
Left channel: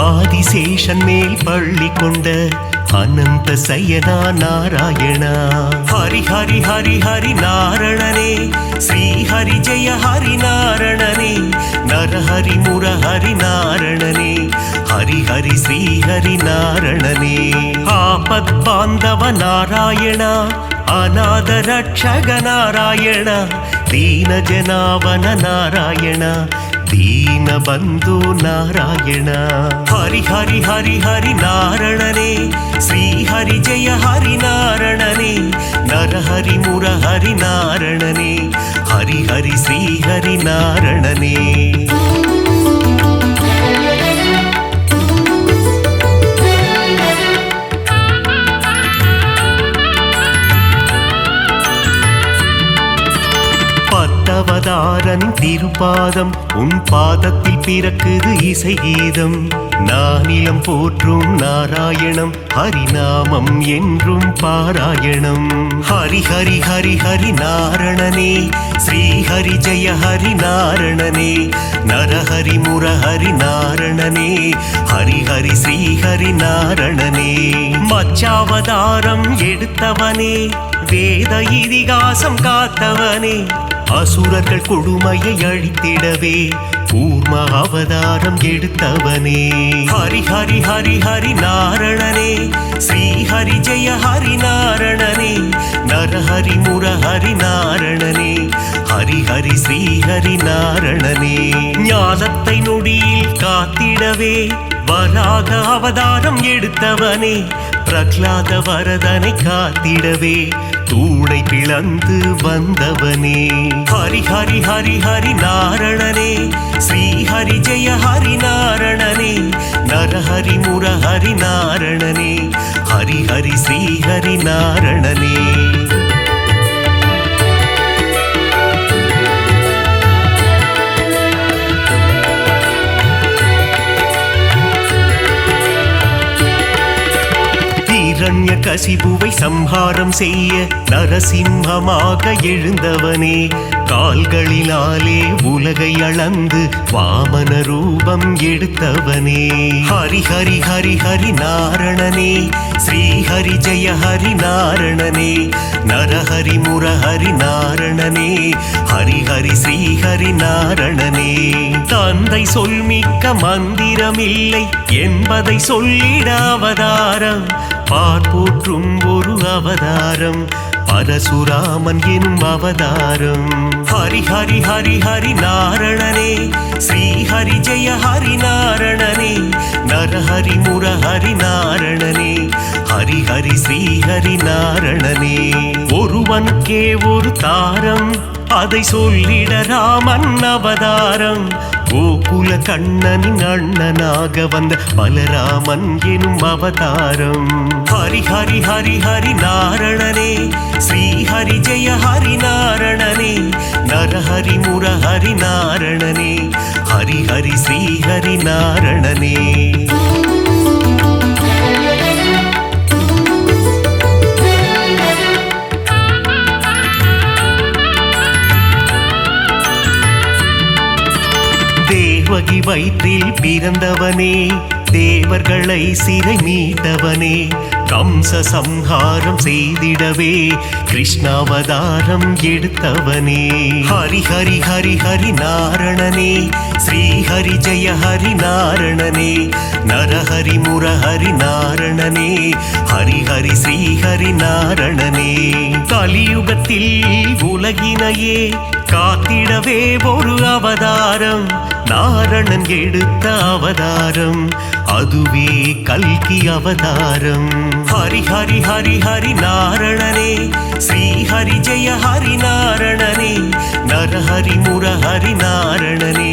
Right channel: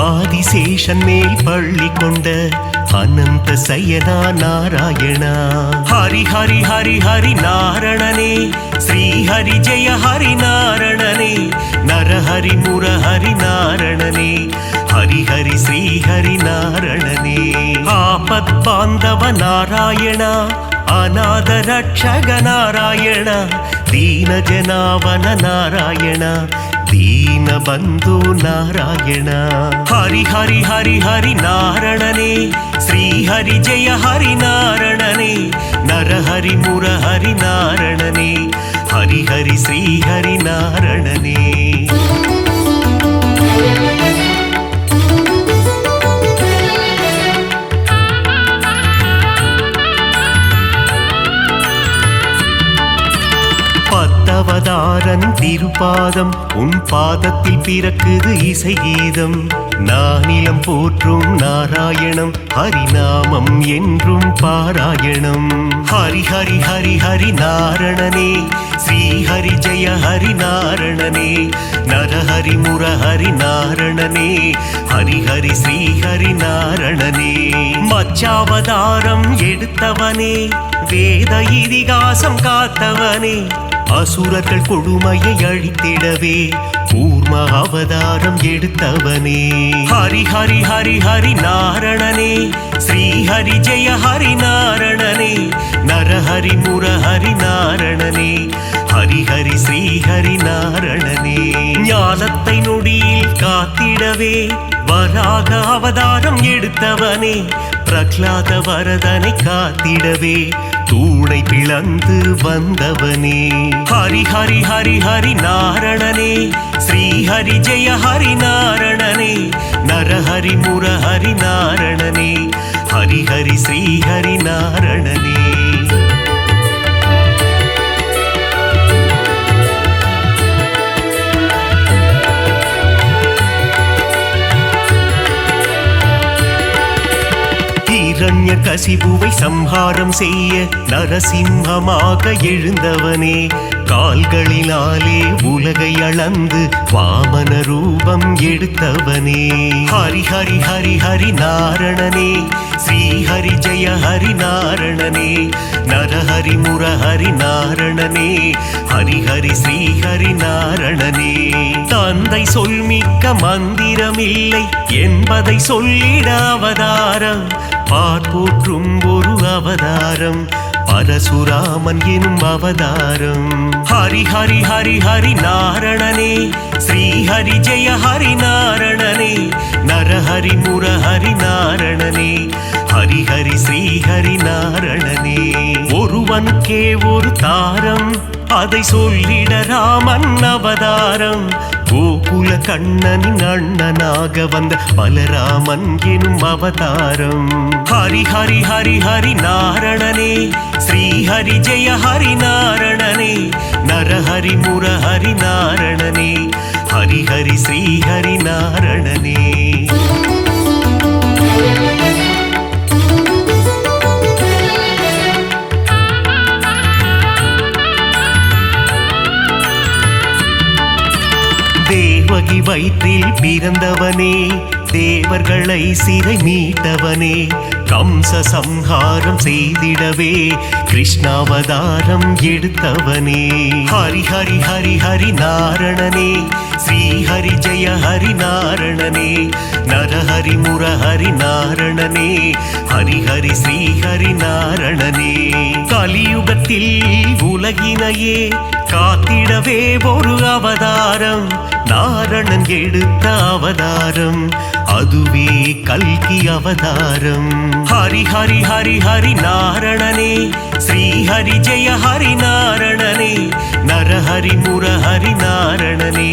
ஆதிசேஷன் மேல் பள்ளி கொண்ட அனந்த சயனா நாராயணா. ஹரி ஹரி ஹரி ஹரி நாரணனே, ஸ்ரீ ஹரி ஜெய ஹரி நாரணனே, நரஹரி முரஹரி நாரணனே, ஹரி ஹரி ஸ்ரீ ஹரி நாரணனே. ஆபத் பாந்தவ நாராயணா, அநாத ரட்சக நாராயணா, தீன ஜனாவன நாராயணா, தீன பந்து நாராயணா. ஹரி ஹரி ஹரி ஹரி நாரணனே, ஸ்ரீ ஹரி ஜெய ஹரி நாரணனே, நரஹரி முரஹரி நாரணனே, ஹரி ஹரி ஹரி ஸ்ரீ ஹரி நாரணனே. பத்தவதாரனின் திருப்பாதம் உன் பாதத்தில் பிறக்குது இசை கீதம். நானிலம் போற்றும் நாராயணம் ஹரிநாமம் என்றும் பாராயணம். ஹரி ஹரி ஹரி ஹரி நாரணனே ஸ்ரீ ஹரி ஜெய ஹரி நாரணனே. நரஹரி முரஹரி நாரணனே ஹரி ஹரி ஸ்ரீ ஹரி நாரணனே. மச்சாவதாரம் எடுத்தவனே வேத இதிகாசம் காத்தவனே. அசுரர்கள் கொடுமையை அழித்திடவே கூர்ம அவதாரம் எடுத்தவனே. ஹரி ஹரி ஹரி ஹரி நாரணனே ஸ்ரீ ஹரி ஜெய ஹரி நாரணனே. நரஹரி முரஹரி நாரணனே ஹரி ஹரி ஸ்ரீ ஹரி நாரணனே. ஞானத்தை நொடியில் காத்திடவே வராக அவதாரம் எடுத்தவனே. பிரகலாத வரதனை காத்திடவே தூணை பிளந்து வந்தவனே. ஹரி ஹரி ஹரி ஹரி நாரணனே ஸ்ரீ ஹரி ஜெய ஹரி நாரணனே. நரஹரி முரஹரி நாரணனே ஹரி ஹரி ஸ்ரீ ஹரி நாரணனே. இரண்ய கசிபுவை சம்ஹாரம் செய்ய நரசிம்மமாக எழுந்தவனே. கால்களினாலே உலகை அளந்து வாமன ரூபம் எடுத்தவனே. ஹரி ஹரி ஹரி ஹரி நாரணனே ஸ்ரீ ஹரி ஜெய ஹரி நாரணனே. நரஹரி முரஹரி நாரணனே ஹரி ஹரி ஸ்ரீ ஹரி நாரணனே. தந்தை சொல்மிக்க மந்திரமில்லை என்பதை சொல்லிட அவதாரம். பார்ப்போற்றும் ஒரு அவதாரம் பரசுராமன் எனும் அவதாரம். ஹரி ஹரி ஹரி ஹரி நாரணனே ஸ்ரீ ஹரி ஜெய ஹரி நாரணனே. நரஹரி முரஹரி நாரணனே ஹரி ஹரி ஸ்ரீ ஹரி நாரணனே. ஒருவனுக்கே ஒரு தாரம் அதை சொல்லிட ராமன் அவதாரம். கோகுல கண்ணனின் அண்ணனாக வந்த பலராமன் எனும் அவதாரம். ஹரி ஹரி ஹரி ஹரி நாரணனே ஸ்ரீ ஹரி ஜெய ஹரி நாரணனே. நரஹரி முரஹரி நாரணனே ஹரி ஹரி ஸ்ரீ ஹரி நாரணனே. தேவகி வயிற்றில் பிறந்தவனே தேவர்களை சிறை மீட்டவனே. கம்ச சம்ஹாரம் செய்திடவே கிருஷ்ணாவதாரம் எடுத்தவனே. ஹரி ஹரி ஹரி ஹரி நாரணனே ஸ்ரீ ஹரி ஜெய ஹரி நாரணனே. நரஹரி முரஹரி நாரணனே ஹரி ஹரி ஸ்ரீ ஹரி நாரணனே. கலியுகத்தில் உலகினையே காத்திடவே ஒரு அவதாரம் நாரணன் எடுத்த அவதாரம். அதுவே கல்கி அவதாரம். ஹரி ஹரி ஹரி ஹரி நாரணனே ஸ்ரீ ஹரி ஜெய ஹரி நாரணனே. நரஹரி முரஹரி நாரணனே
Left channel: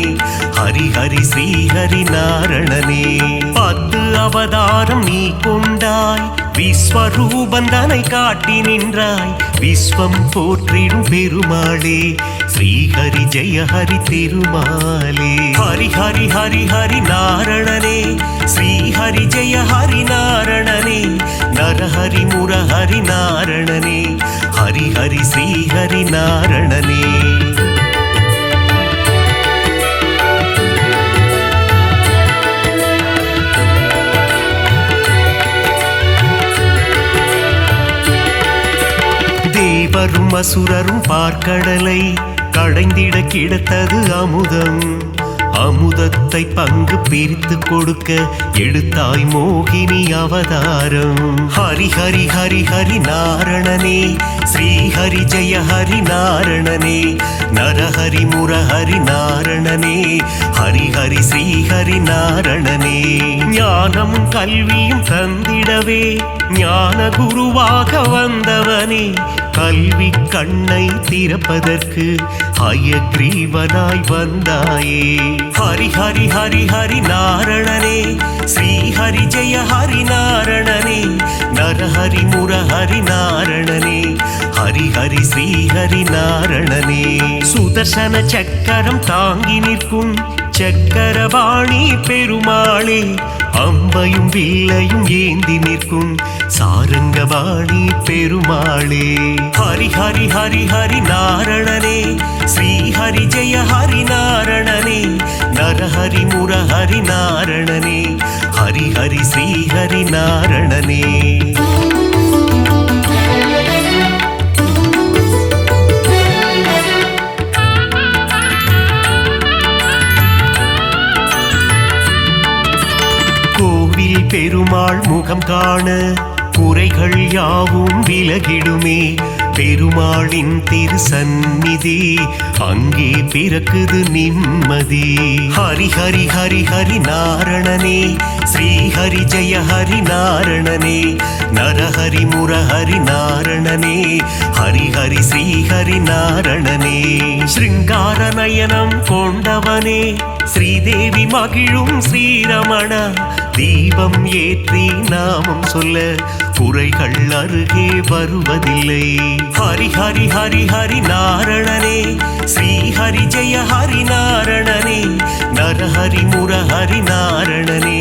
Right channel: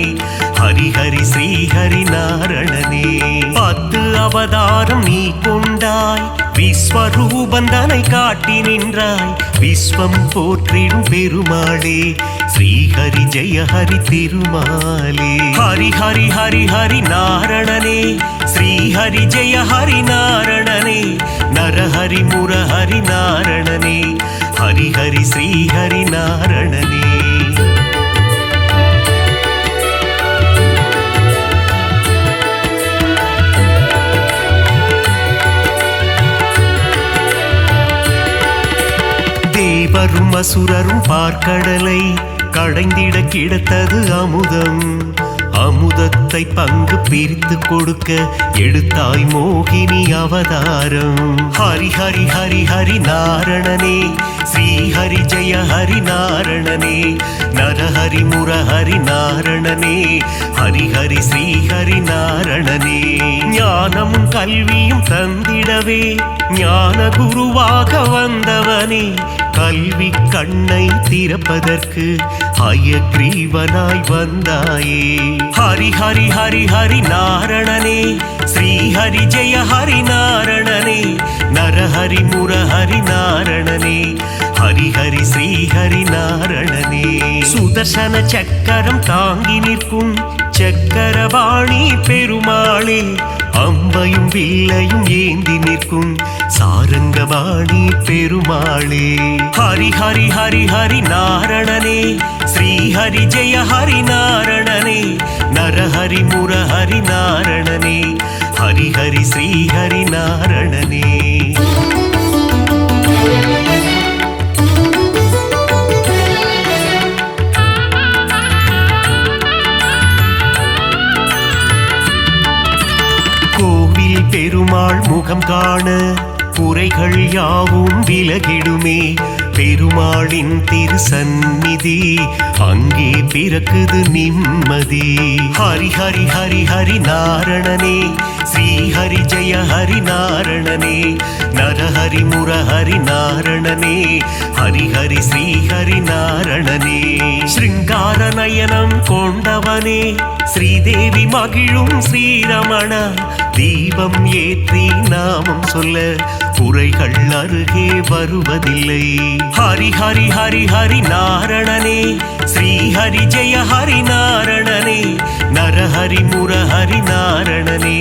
ஹரி ஹரி ஸ்ரீ ஹரி நாரணனே. 10 அவதாரம் நீ கொண்டாய் விஸ்வரூபந்தனை காட்டி நின்றாய். விஸ்வம் போற்றிடும் பெருமாளே ஸ்ரீ ஹரி ஜெய ஹரி திருமாலே. ஹரி ஹரி ஹரி ஹரி நாரணனே ஸ்ரீ ஹரி ஜெய ஹரி நாரணனே. நரஹரி முரஹரி நாரணனே ஹரி ஹரி ஸ்ரீ ஹரி நாரணனே. தேவரும் அசுரரும் பார்க்கடலை கடைந்திட கிடைத்தது அமுதம். அமுதத்தை பங்கு பிரித்து கொடுக்க எடுத்தாய் மோகினி அவதாரம். ஹரி ஹரி ஹரி ஹரி நாரணனே ஸ்ரீ ஹரி ஜெய ஹரி நாரணனே. நரஹரி முரஹரி நாரணனே ஹரி ஹரி ஹரி ஸ்ரீ ஹரி நாரணனே. ஞானமும் கல்வியும் தந்திடவே ஞான குருவாக வந்தவனே, கல்வி கண்ணை திறப்பதற்கு ஹயக்ரீவனாய் வந்தாயே. ஹரி ஹரி ஹரி ஹரி நாரணனே, ஸ்ரீ ஹரி ஜெய ஹரி நாரணனே, நரஹரி முரஹரி நாரணனே, ஹரி ஹரி ஸ்ரீ ஹரி நாரணனே. சுதர்சன சக்கரம் தாங்கி நிற்கும் சக்கரபாணி பெருமாளே, அம்பையும் வில்லையும் ஏந்தி நிற்கும் சாரங்கபாணி பெருமாளே. ஹரி ஹரி ஹரி ஹரி நாரணனே, ஸ்ரீ ஹரி ஜெய ஹரி நாரணனே, நரஹரி முரஹரி நாரணனே, ஹரி ஹரி ஸ்ரீ ஹரி நாரணனே. கோவில் பெருமாள் முகம் காண குறைகள் யாவும் விலகிடுமே, பெருமாளின் திருசந்நிதி அங்கே பிறக்குது நிம்மதி. ஹரி ஹரி ஹரி ஹரி நாரணனே, ஸ்ரீ ஹரி ஜெய ஹரி நாரணனே, நரஹரி முரஹரி நாரணனே, ஹரி ஹரி ஸ்ரீ ஹரி நாரணனே. ஸ்ருங்கார நயனம் கொண்டவனே, ஸ்ரீதேவி மகிழும் ஸ்ரீரமண, தீபம் ஏற்றி நாமம் சொல்ல குறைகள் அருகே வருவதில்லை. ஹரி ஹரி ஹரி ஹரி நாரணனே, ஸ்ரீ ஹரி ஜெய ஹரி நாரணனே, நரஹரி முரஹரி நாரணனே,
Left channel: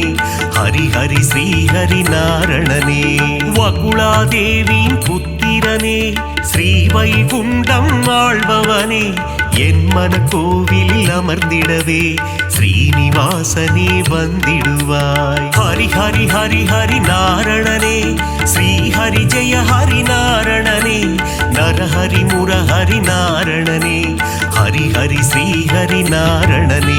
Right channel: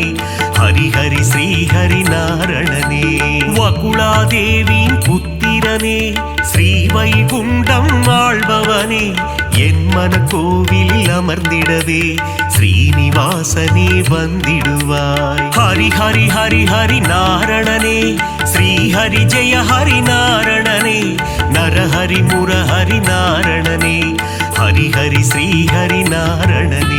ஹரி ஹரி ஸ்ரீ ஹரி நாரணனே. வகுளாதேவியின் புத்திரனே, ஸ்ரீ வைகுண்டம் ஆள்பவனே, என் மன கோவிலில் அமர்ந்திடவே ஸ்ரீனிவாசனே வந்திடுவாய். ஹரி ஹரி ஹரி ஹரி நாரணனே, ஸ்ரீ ஹரி ஜெய ஹரி நாரணனே, நரஹரி முரஹரி நாரணனே, ஹரி ஹரி ஸ்ரீ ஹரி நாரணனே.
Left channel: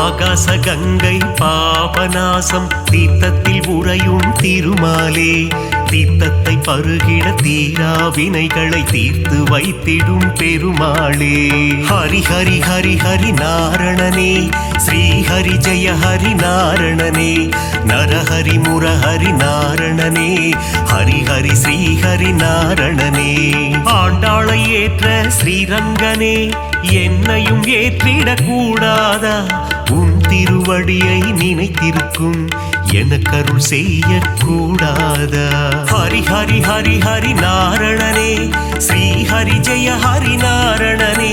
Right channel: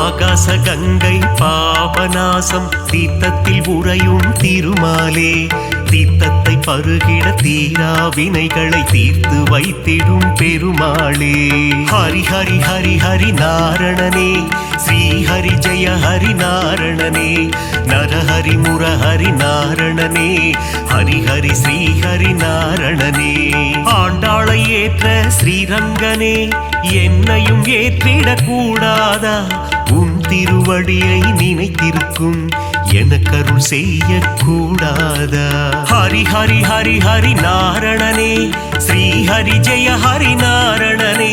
ஆகாச கங்கை பாபநாசம் தீர்த்தத்தில் உறையும் திருமாலே, தீர்த்தத்தை பருகிட தீரா வினைகளை தீர்த்து வைத்திடும் பெருமாளே. ஹரி ஹரி ஹரி ஹரி நாரணனே, ஸ்ரீ ஹரி ஜெய ஹரி நாரணனே, நரஹரி முரஹரி நாரணனே, ஹரி ஹரி ஸ்ரீ ஹரி நாரணனே. ஆண்டாளை ஏற்ற ஸ்ரீரங்கனே, என்னையும் ஏற்றிடக் கூடாதா, உன் திருவடியை நினைத்திருக்கும் எனக்கருள் செய்யக்கூடாதா. ஹரி ஹரி ஹரி ஹரி நாரணனே, ஸ்ரீ ஹரி ஜெய ஹரி நாரணனே,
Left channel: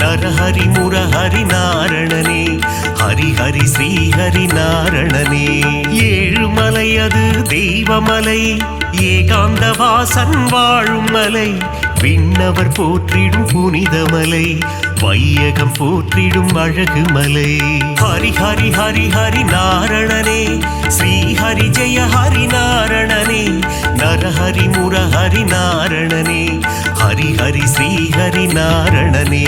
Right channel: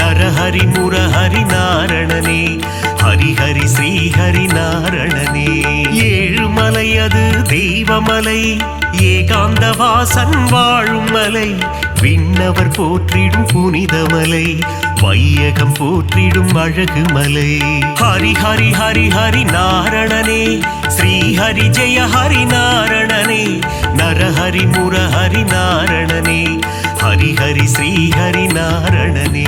நரஹரி முரஹரி நாரணனே, ஹரி ஹரி ஸ்ரீ ஹரி நாரணனே. ஏழுமலை அது தெய்வமலை, ஏகாந்த வாசன் வாழும் மலை, விண்ணவர் போற்றிடும் புனிதமலை, வையகம் போற்றிடும் அழகு மலை. ஹரி ஹரி ஹரி ஹரி நாரணனே, ஸ்ரீ ஹரி ஜெய ஹரி நாரணனே, நரஹரி முரஹரி நாரணனே, ஹரி ஹரி ஸ்ரீ ஹரி நாரணனே.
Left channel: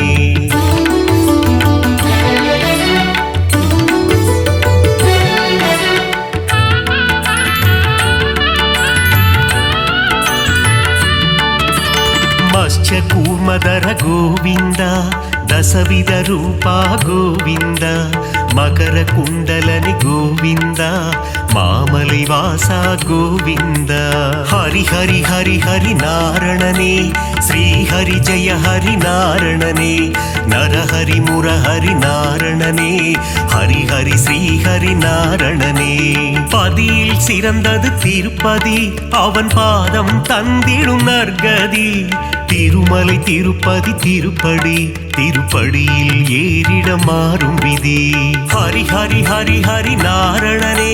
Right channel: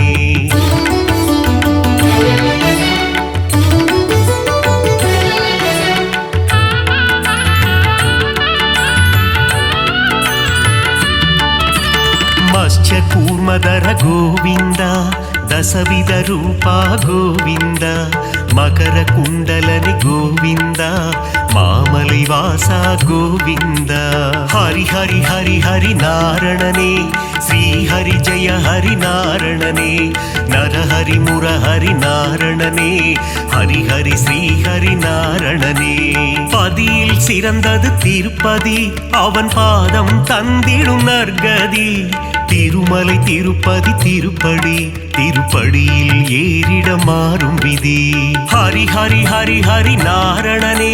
ಮತ್ಸ್ಯ ಕೂರ್ಮದರ ಗೋವಿಂದ, ದಸವಿಧ ರೂಪ ಗೋವಿಂದ, ಮಕರ ಕುಂಡಲನಿ ಗೋವಿಂದ, ಮಾಮಲೈ ವಾಸ ಗೋವಿಂದ. ಹರಿ ಹರಿ ಹರಿ ಹರಿ ನಾರಣನೇ, ಶ್ರೀ ಹರಿ ಜಯ ಹರಿ ನಾರಣನೇ, ನರಹರಿ ಮುರಹರಿ ನಾರಣನೇ, ஹரி ஹரி ஸ்ரீ ஹரி நாரணனே. பதியில் சிறந்தது திருப்பதி, அவன் பாதம் தந்திடும் நற்கதி. திருமலை திருப்பதி திருப்படி, திருப்படியில் ஏறிட மாறும் விதி. ஹரி ஹரி ஹரி ஹரி நாரணனே,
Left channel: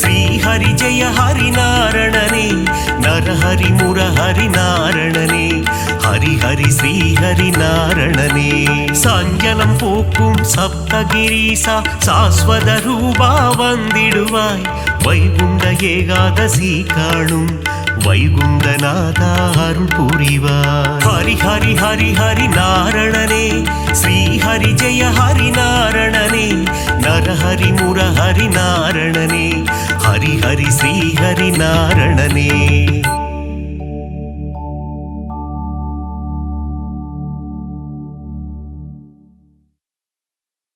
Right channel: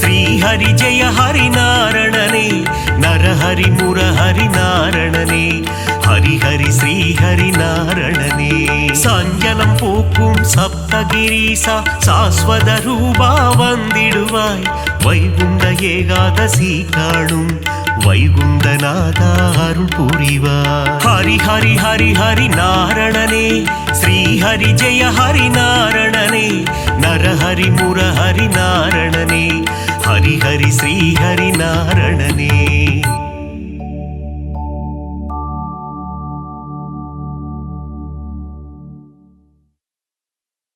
ஸ்ரீ ஹரி ஜெய ஹரி நாரணனே, நரஹரி முரஹரி நாரணனே, ஹரி ஹரி ஸ்ரீ ஹரி நாரணனே. சஞ்சலம் போக்கும் சப்தகிரீசா, சாஸ்வத ரூபா வந்திடுவாய். வைகுண்ட ஏகாதசி காணும் வைகுண்டநாதா அருள் புரிவாய். ஹரி ஹரி ஹரி ஹரி நாரணனே, ஸ்ரீ ஹரி ஜெய ஹரி நாரணனே, நரஹரி முரஹரி நாரணனே, ஹரி ஹரி ஸ்ரீ ஹரி நாரணனே